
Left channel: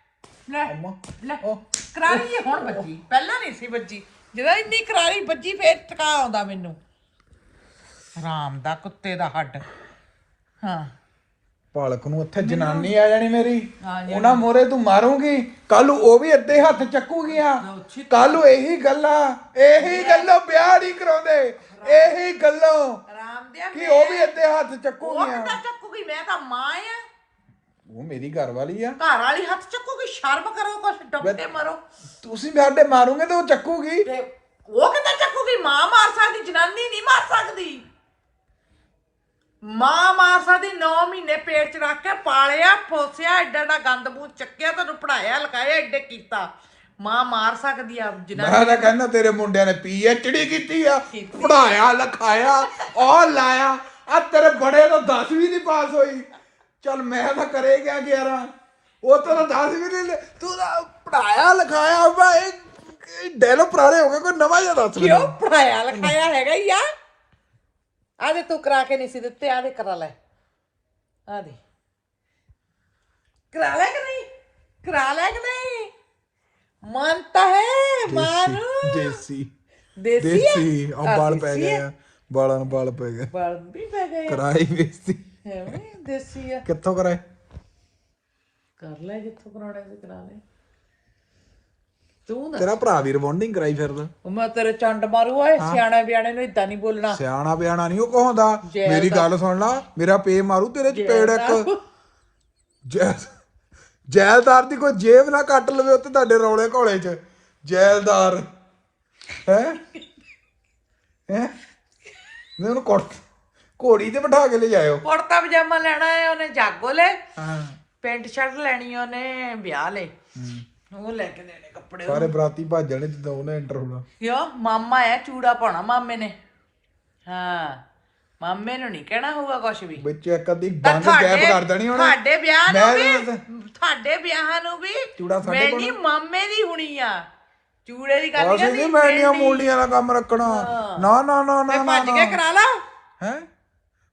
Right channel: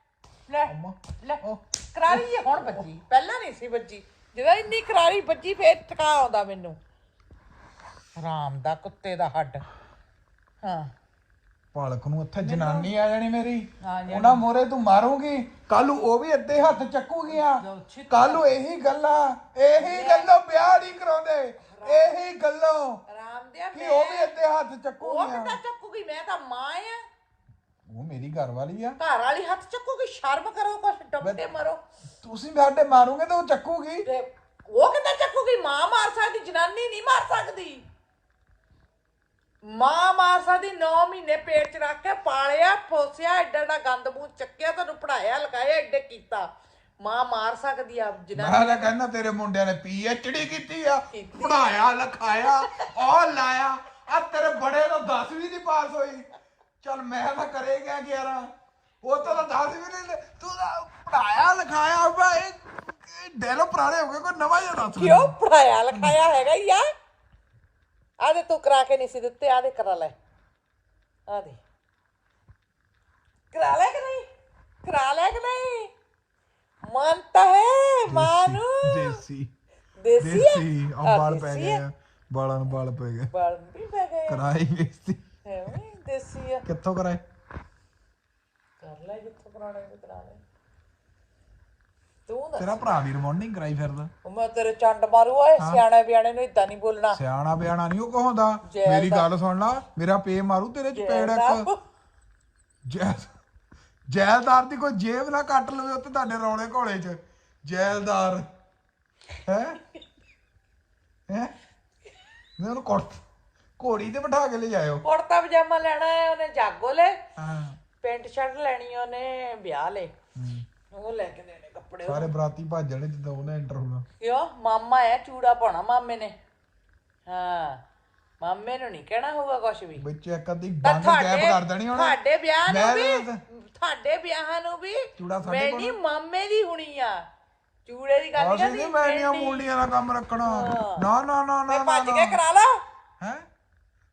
[SPEAKER 2] ਲੈ
[SPEAKER 1] ਅੰਮਾ
[SPEAKER 2] ਲੈ
[SPEAKER 1] ਉਹ
[SPEAKER 2] ਕਰਾਰੀ ਜੀ ਹੁਣ ਬੱਜੀ ਪਹਿਲਾਂ ਨਹੀਂ ਸੀ ਬੱਜੀ ਜਦੋਂ ਇੰਨੀ ਕਰਾਰੀ ਬੱਜੀ ਫੇਰ ਟਕਾ ਆਉਂਦਾ ਮੈਨੂੰ ਰਾਮ ਦਾ ਕੁੱਤੇ ਦਾ ਹੱਡ ਹਾਂ
[SPEAKER 1] ਪਾਲਕ ਨੂੰ ਉੱਥੇ ਜਨਾਨੀ ਆ ਜਾਣੀ ਮੇਰੀ
[SPEAKER 2] ਆ ਜਾਣੀ।
[SPEAKER 1] ਉਹਨਾਂ ਮੋਰੇ ਤੂੰ ਮਾਰੂਗੀ ਕੱਲ ਨੂੰ ਉਹ ਵੀ ਅੱਧੇ ਹੱਥ ਚੱਕੂਗੀਆਂ ਕੱਲ ਨੂੰ ਇਹੀ ਗੱਲਾਂ ਇਹੀ ਗੱਲੋਂ ਵਿਆਹ ਨਹੀਂ ਕਰਾਉਂਦੇ ਇਹੀ ਗੱਲੋਂ
[SPEAKER 2] ਰਾਮ ਦਿਆ
[SPEAKER 1] ਕਿ ਉਹ ਵੀ ਅੱਧੇ ਹੱਥ
[SPEAKER 2] ਉਹ
[SPEAKER 1] ਚੱਕੂਗੀਆਂ
[SPEAKER 2] ਕਿੱਦਾਂ ਚੱਕੂਗੀ ਮੈਂ ਤਾਂ ਮਾਂ ਆ
[SPEAKER 1] ਉਹ ਮੇਰੀ ਘਰ ਵਾਲੀ ਆ
[SPEAKER 2] ਘਰ ਵਾਲੀ ਹੱਥ ਚੱਕੂਗੀ ਸ਼ਰਮ ਕਰੋ ਕੁਛ ਡੁੱਬ ਕੇ ਮਰੋ
[SPEAKER 1] ਤੁਸੀਂ ਸਾਡੇ ਮਾਰੋਗੇ ਤਾਂ ਉਹ ਚੱਕੂਗੀ
[SPEAKER 2] ਤੇ ਉਹ ਕਿੱਦਾਂ ਚੱਕੂਗੀ ਮਾਂ ਮਾਰ ਸਕਦੀ ਜਨਾਨੀ ਨਹੀਂ ਮਾਰ ਸਕਦੀ ਮਾਂ ਮਾਰ ਸਕਦੀ ਨੌ ਮਹੀਨੇ ਪੇਟ ਚ ਰੱਖ ਕੇ ਪਾਲਿਆ ਪੋਸਿਆ ਐਡਾ ਐਡਾ ਗੰਦ ਮੂੰਹ ਚੱਕਿਆ ਤੈਨੂੰ ਪੜਾਇਆ ਲਿਖਾਇਆ ਐਡੇ ਕੀਤਾ ਮਾਂ ਮਾਰ ਸਕਦੀ ਆ ਜਨਾਨੀ
[SPEAKER 1] ਮੈਂ ਤਾਂ ਕਹਿੰਦਾ ਤੇਰੇ ਮੁੰਡਿਆਂ ਨੇ ਪੀ ਐਚ ਡੀ ਕੀਤੀ ਆ ਪੜਾਇਆ ਲਿਖਾਇਆ ਉਹ ਲਾਇਆ ਆ ਤੇਰੇ ਬੜੇ ਤੋਂ ਦਸਵੀਂ ਨਹੀਂ ਪਾਸ ਹੋਈ ਚੱਲ ਮੈਂ ਤਾਂ ਕਰੇ ਗਿਆ ਗਿਆਰਾਂ ਉਹ ਤਾਂ ਦਸਵੀਂ ਨਹੀਂ ਤੂੰ ਤਾਂ ਪੜਾਇਆ ਲਿਖਾਇਆ ਭਾਈ ਡੈਲੋ ਪੁਰਾਣੇ ਹੋ ਗਏ ਕੋਈ ਨਵਾਂ ਜਿਹਾ ਦੱਸ
[SPEAKER 2] ਕਿਉਂ
[SPEAKER 1] ਮੈਨੂੰ
[SPEAKER 2] ਪੜਾਇਆ ਲਿਖਾਇਆ ਹੈਗਾ ਹੀ ਆ ਆਦੇ ਤੂੰ ਕਰਾ ਕੇ ਨਹੀਂ ਸੀ ਦਿੱਤੇ ਆਦੇ ਕਰਾ ਲੈ ਆਦੇ ਕਰਾ ਲੈ ਕਿ ਨਹੀਂ ਕਰਾ ਲੈ ਕਿ ਨਹੀਂ ਮਾਨਤਾ ਹੈ ਮਾਨੂੰ
[SPEAKER 1] ਦੇਸੀ
[SPEAKER 2] ਦੇਸੀ ਹੈ?
[SPEAKER 1] ਦੇਸੀ ਆ
[SPEAKER 2] ਆਹ,
[SPEAKER 1] ਬਾਲ ਪੈ
[SPEAKER 2] ਦੇਸੀ
[SPEAKER 1] ਗਏ
[SPEAKER 2] ਹੈ?
[SPEAKER 1] ਆ ਬਾਲਾਂ ਨੂੰ ਬਾਲ ਪੈ ਗਏ
[SPEAKER 2] ਬਾਲ ਵੀ ਪੈ ਗਏ
[SPEAKER 1] ਕਰਾਈ ਵੇਸੀ
[SPEAKER 2] ਹੈ ਵੀ ਦੇਸੀ ਆ
[SPEAKER 1] ਕਿੱਥੋਂ ਕਰਾਏ
[SPEAKER 2] ਕਰ ਲੈ ਜਿੱਥੋਂ ਕਰਾਉਣਾ ਤੇ ਕਰਾ ਲੈ ਤੂੰ ਨਾ
[SPEAKER 1] ਤੇਰਾ ਭਰਾ ਵੀ ਰਿਬੌਂਡਿੰਗ ਕਰਾਈ ਫਿਰਦਾ
[SPEAKER 2] ਉਹ ਮੈਂ ਤੇਰੇ ਚੰਡ ਮਾਰੂ ਓਏ ਸਿਆਣਾ ਬਿਆਣੇ ਨੂੰ ਇਦਾਂ ਨਹੀਂ ਬੋਲਣਾ
[SPEAKER 1] ਸਿਆਣਾ ਬਿਆਣਾ ਨਹੀਂ ਉਹ ਕਹੋਂਦਾ
[SPEAKER 2] ਜੈਲ
[SPEAKER 1] ਮੇਰੀ
[SPEAKER 2] ਦਾ-
[SPEAKER 1] ਗੱਲ ਸੁਣ ਲਾ ਮੇਰਾ ਪੇ ਮਾਰੂ ਤੇਰੇ ਚਪੇੜ ਇੱਕ
[SPEAKER 2] ਜੈਲ
[SPEAKER 1] ਜੈਲ ਜੈਲਦਾਰ ਦੀ ਕੋਈ ਜੇਬ ਨਾ ਕੱਟ ਲਵੇ ਉੱਤੇ ਤੁਹਾਡੇ ਰੌਲੇ ਘੋਲੇ ਚ ਜੈਲਦਾਰ ਹੈ ਹੈ ਮੈਂ ਉਹਨੂੰ ਕੋਟ ਘੋੜੀ ਤੇ ਬਿਠਾ ਕੇ ਲੈ ਜਾਇਓ
[SPEAKER 2] ਕੁੜਤਾ ਪਜਾਮਾ ਲੈਣਾ ਹੈ ਉਹਨੇ ਜਾਗੋ ਲੈ
[SPEAKER 1] ਹਾਂ
[SPEAKER 2] ਪੈਂਟ ਸ਼ਰਟ ਲੈਣੀ ਉਹਨੇ ਵਿਆਹ ਲੈ ਉਹ ਲੈ ਕੇ ਦੇਣੇ ਕੱਪੜੇ
[SPEAKER 1] ਸਾਰੇ ਬਰਾਤੀ ਭਾਜਣੇ ਜਦੋਂ ਉਹਨੇ ਐਂਟਰ ਹੋਣਾ
[SPEAKER 2] ਕਿਉਂ ਮਾਮਾ ਆ ਚੂੜਾ ਪਾਉਣਾ ਮਾਮੇ ਨੇ ਹਾਂ ਮਾਮੇ ਨੂੰ ਨਹੀਂ ਕਹਿਣਾ ਹੋਊਗਾ ਕੁਛ ਵੀ
[SPEAKER 1] ਵਿੱਚ ਇੱਕ ਅੱਧੀ ਬੰਦ
[SPEAKER 2] ਤੁਹਾਡੇ-
[SPEAKER 1] ਗੈਪ ਕਰ ਦੇਣੀ ਉਹਨੇ
[SPEAKER 2] ਤੁਹਾਡੇ ਵਿਆਹ ਨੂੰ
[SPEAKER 1] ਮੈਂ
[SPEAKER 2] ਵੀ
[SPEAKER 1] ਤਾਂ-
[SPEAKER 2] ਤੁਹਾਡੇ ਵਿਆਹਾਂ ਨੂੰ ਵੀ
[SPEAKER 1] ਚੂੜਾ ਸਾਡੇ
[SPEAKER 2] ਮੈਂ
[SPEAKER 1] ਕੋਲ-
[SPEAKER 2] ਨਹੀਂ ਮਾਮੇ ਦੀ ਹੁਣੀ ਆ ਚੂੜੇ ਦੀ ਗੱਲ
[SPEAKER 1] ਅਸੀਂ ਨਹੀਂ ਮੈਂਡੀਆਂ ਮੂਲੀਆਂ ਦਾ ਕੰਮ ਰੱਖਣਾ ਨਾ ਨਾ ਨਾ ਨਾ ਨਾ
[SPEAKER 2] ਭੱਜ ਕੇ ਕਰਾ ਲਾ
[SPEAKER 1] ਹੈ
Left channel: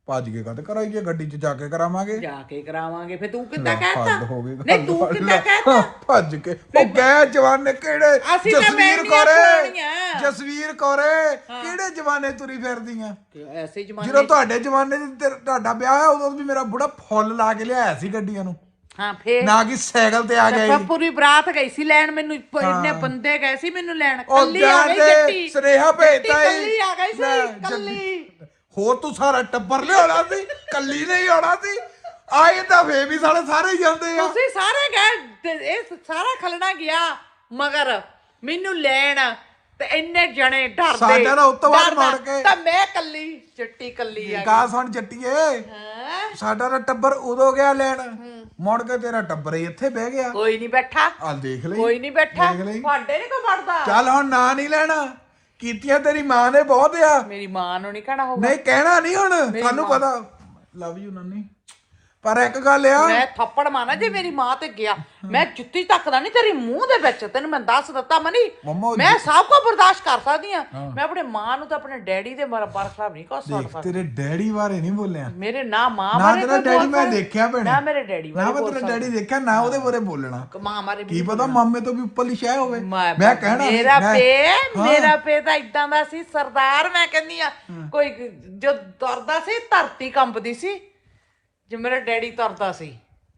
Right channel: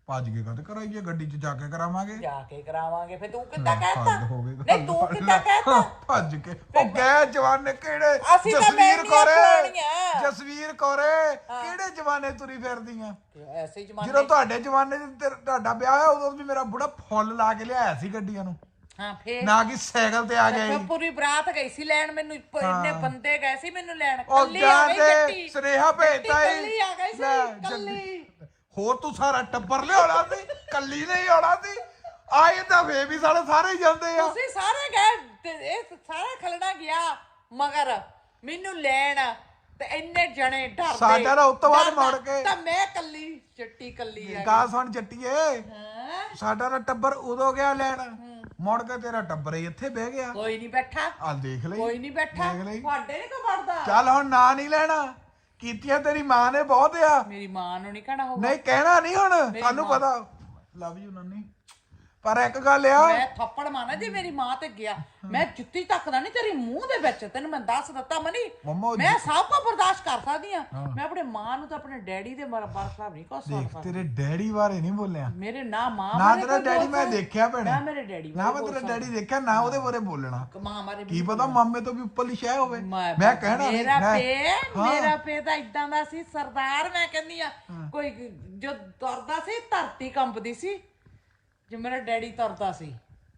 [SPEAKER 1] ਭੱਜ ਕੇ ਕਦ ਕਰਾਈਏ ਗੱਡੀ 'ਚ ਜਾ ਕੇ ਕਰਾਵਾਂਗੇ
[SPEAKER 2] ਜਾ ਕੇ ਕਰਾਵਾਂਗੇ ਫੇ ਤੂੰ ਕਿੱਦਾਂ
[SPEAKER 1] ਹੱਦ
[SPEAKER 2] ਕਹਿਤਾ
[SPEAKER 1] ਹੋ ਗਈ
[SPEAKER 2] ਨਹੀਂ ਤੂੰ ਕਿੱਦਾਂ ਕਹਿਤਾ
[SPEAKER 1] ਹਾਂ, ਭੱਜ ਕੇ ਉਹ ਗਏ ਜਵਾਨੇ ਕਿਹੜੇ
[SPEAKER 2] ਅਸੀਂ ਤਾਂ
[SPEAKER 1] ਜਸਵੀਰ
[SPEAKER 2] ਮਹਿੰਦੀਆਂ
[SPEAKER 1] ਕੌਰੇ
[SPEAKER 2] ਪੁਰਾਣੀਆਂ।
[SPEAKER 1] ਜਸਵੀਰ ਕੌਰੇ ਕਿਹੜੇ ਜਵਾਨੇ ਤੁਰੀ ਫਿਰਦੀਆਂ
[SPEAKER 2] ਐਸੇ ਜਮਾਨੇ
[SPEAKER 1] ਜਦੋਂ ਤੁਹਾਡੇ ਜਵਾਨੇ 'ਚ ਤੇਰਾ- ਤੁਹਾਡਾ ਵਿਆਹ ਹੋਇਆ ਉਦੋਂ ਵੀ ਮੇਰਾ ਬੁੜਾ ਫੁੱਲ ਲਾ ਕੇ ਲਿਆਇਆ ਸੀ ਗੱਡੀਆਂ ਨੂੰ
[SPEAKER 2] ਹਾਂ ਫੇਰ
[SPEAKER 1] ਨਾ ਕਿ ਸਾਈਕਲ ਤੇ ਆ ਗਿਆ
[SPEAKER 2] ਫਿਰ ਪੂਰੀ ਬਰਾਤ ਗਈ ਸੀ ਲੈਣ ਮੈਨੂੰ ਪ- ਇੰਨੇ ਬੰਦੇ ਗਏ ਸੀ ਮੈਨੂੰ ਲੈਣ
[SPEAKER 1] ਉਹ
[SPEAKER 2] ਕੱਲੀ ਆ ਗਈ
[SPEAKER 1] ਜਾਣਦੇ
[SPEAKER 2] ਜੱਟੀ
[SPEAKER 1] ਸੁਨੇਹਾ ਭੇਜਤਾ ਹੀ
[SPEAKER 2] ਕੱਲੀ ਆ ਗਈ
[SPEAKER 1] ਲੈ,
[SPEAKER 2] ਸੀ ਕੱਲੀ
[SPEAKER 1] ਹੋਰ ਤੂੰ ਸਾਰਾ ਟੱਬਰ ਲਿਆਉਣਾ ਸੀ ਕੱਲੀ ਨਹੀਂ ਆਉਣਾ ਸੀ ਆਏ ਤਾਂ ਫੇ ਵੀ ਸਾਡੇ ਸਾਰੇ ਹੀ ਜਾਂਦੇ ਆ
[SPEAKER 2] ਤੁਸੀਂ ਸਾਰੇ ਗਏ ਤੇ ਇਹ ਸਾਰਾ ਖਲਣਾ ਗਿਆ ਮਗਰ ਮੈਨੂੰ ਲੈਣ ਤੇ ਇੰਨੇ ਜਣੇ ਡਰਦੇ
[SPEAKER 1] ਸਾਡਾ ਨਾ ਉਸ ਤੋਂ ਬਾਅਦ
[SPEAKER 2] ਡਰਦਾ।
[SPEAKER 1] ਮੁੜ ਕੇ-
[SPEAKER 2] ਤਾਂ ਮੈਂ ਕੱਲੀ ਜੱਟੀ ਕੱਲੀ ਆ
[SPEAKER 1] ਗਾ ਸੁਣ ਜੱਟੀਏ
[SPEAKER 2] ਹੈਂ?
[SPEAKER 1] ਸਾਡਾ ਤਾਂ ਟੱਬਰ ਉਦੋਂ ਗਿਆ ਲੈਣ ਮੁੜ ਕੇ ਤੇਰਾ ਟੱਬਰ ਹੀ ਇੱਥੇ ਬਹਿ ਗਿਆ
[SPEAKER 2] ਕੋਈ ਨਹੀਂ ਬੈਠਾ
[SPEAKER 1] ਆ ਦੇਖ ਲਈ
[SPEAKER 2] ਕੋਈ ਨਹੀਂ ਬੈਠਾ
[SPEAKER 1] ਦੇਖ ਲਈ
[SPEAKER 2] ਤੁਹਾਡੇ ਨਹੀਂ ਕੋ ਵੜਦਾ
[SPEAKER 1] ਚੱਲ ਹੁਣ ਨਾਂ ਨਹੀਂ ਲੈਣਾ ਕੀਤੀਆਂ ਤੇਰੀ ਮਾਂ ਨੇ ਬਹੁਤ ਆ
[SPEAKER 2] ਮੇਰੀ ਮਾਂ ਨੂੰ ਨਹੀਂ ਕਹਿਣਾ ਹੋਊਗਾ
[SPEAKER 1] ਨਹੀਂ ਕਹਿਣਾ ਨਹੀਂ ਹੁਣ ਸਾਨੂੰ ਪਤਾ ਲਵ ਯੂ ਨਾਨੀ ਪਰ ਇੱਕ ਗੱਲ ਆ
[SPEAKER 2] ਮੈਂ ਥੱਪੜ ਮਾਰਨਾ ਜੇ ਮੇਰੀ ਮਾਂ ਤੇ ਗਿਆ ਮੈਂ ਜੁੱਤੀ ਤੱਕਦਾ ਨਹੀਂ ਤੇਰੀ ਮੂੰਹ ਦੇ ਵਿੱਚ ਤੈਨੂੰ ਮੈਂ ਦੱਸ ਦਿੱਤਾ ਮਨੀ
[SPEAKER 1] ਮੰਮਾ
[SPEAKER 2] ਮੈਂ ਸਭ ਕੁਝ ਬਰਦਾਸ਼ਤ ਕਰ ਸਕਦੀ ਆ ਮੈਂ ਆਪਣੇ ਮਾਂ ਨੂੰ ਤਾਂ ਆਪਣੇ ਡੈਡੀ ਦੇ ਮਰ ਪਰ ਸਾਹਿਬ ਨਹੀਂ ਕਰ
[SPEAKER 1] ਦੇਖ
[SPEAKER 2] ਸਕਦਾ
[SPEAKER 1] ਤੇਰੇ ਡੈਡੀ ਬਾਰੇ ਨਹੀਂ ਬੋਲਿਆ
[SPEAKER 2] ਮੇਰੇ ਨਾ ਮਾਂ
[SPEAKER 1] ਨਾ
[SPEAKER 2] ਬਾਰੇ
[SPEAKER 1] ਤੇਰਾ
[SPEAKER 2] ਕੋਈ
[SPEAKER 1] ਡੈਡੀ ਮੈਂ
[SPEAKER 2] ਬੋਲ
[SPEAKER 1] ਦੇਖਿਆ ਭੈਣੇ
[SPEAKER 2] ਨਾ ਮੇਰੇ ਡੈਡੀ
[SPEAKER 1] ਨਾ ਮੈਂ ਤੇਰਾ ਡੈਡੀ ਦੇਖਿਆ ਨਾ ਉਹਦੇ ਬਾਰੇ ਬੋਲਣਾ
[SPEAKER 2] ਮਾਂ ਮਾਰੇ
[SPEAKER 1] ਕੀ ਪਤਾ ਮਾਮੇ ਤੋਂ ਵੀ ਉੱਪਰਲੀ ਸ਼ੈ ਹੋਵੇ
[SPEAKER 2] ਮੈਂ-
[SPEAKER 1] ਮੈਂ ਕਹਿਣਾ ਨਹੀਂ
[SPEAKER 2] ਮੇਰਾ
[SPEAKER 1] ਮੈਂ-
[SPEAKER 2] ਪੇ
[SPEAKER 1] ਹਾਂ।
[SPEAKER 2] ਮੇਰਾ ਪੇ ਤਾਂ ਇਦਾਂ ਦਾ ਸੀ ਸਰਦਾਰ ਮੈਂ ਕਹਿੰਦੀ ਆ ਕੋਈ ਜੋ ਤੁਰਦਾ ਸੀ ਧਰਤੀ ਕੰਬਦੀ ਸੀ ਜੇ ਮੇਰਾ ਡੈਡੀ ਤੁਰਦਾ ਸੀ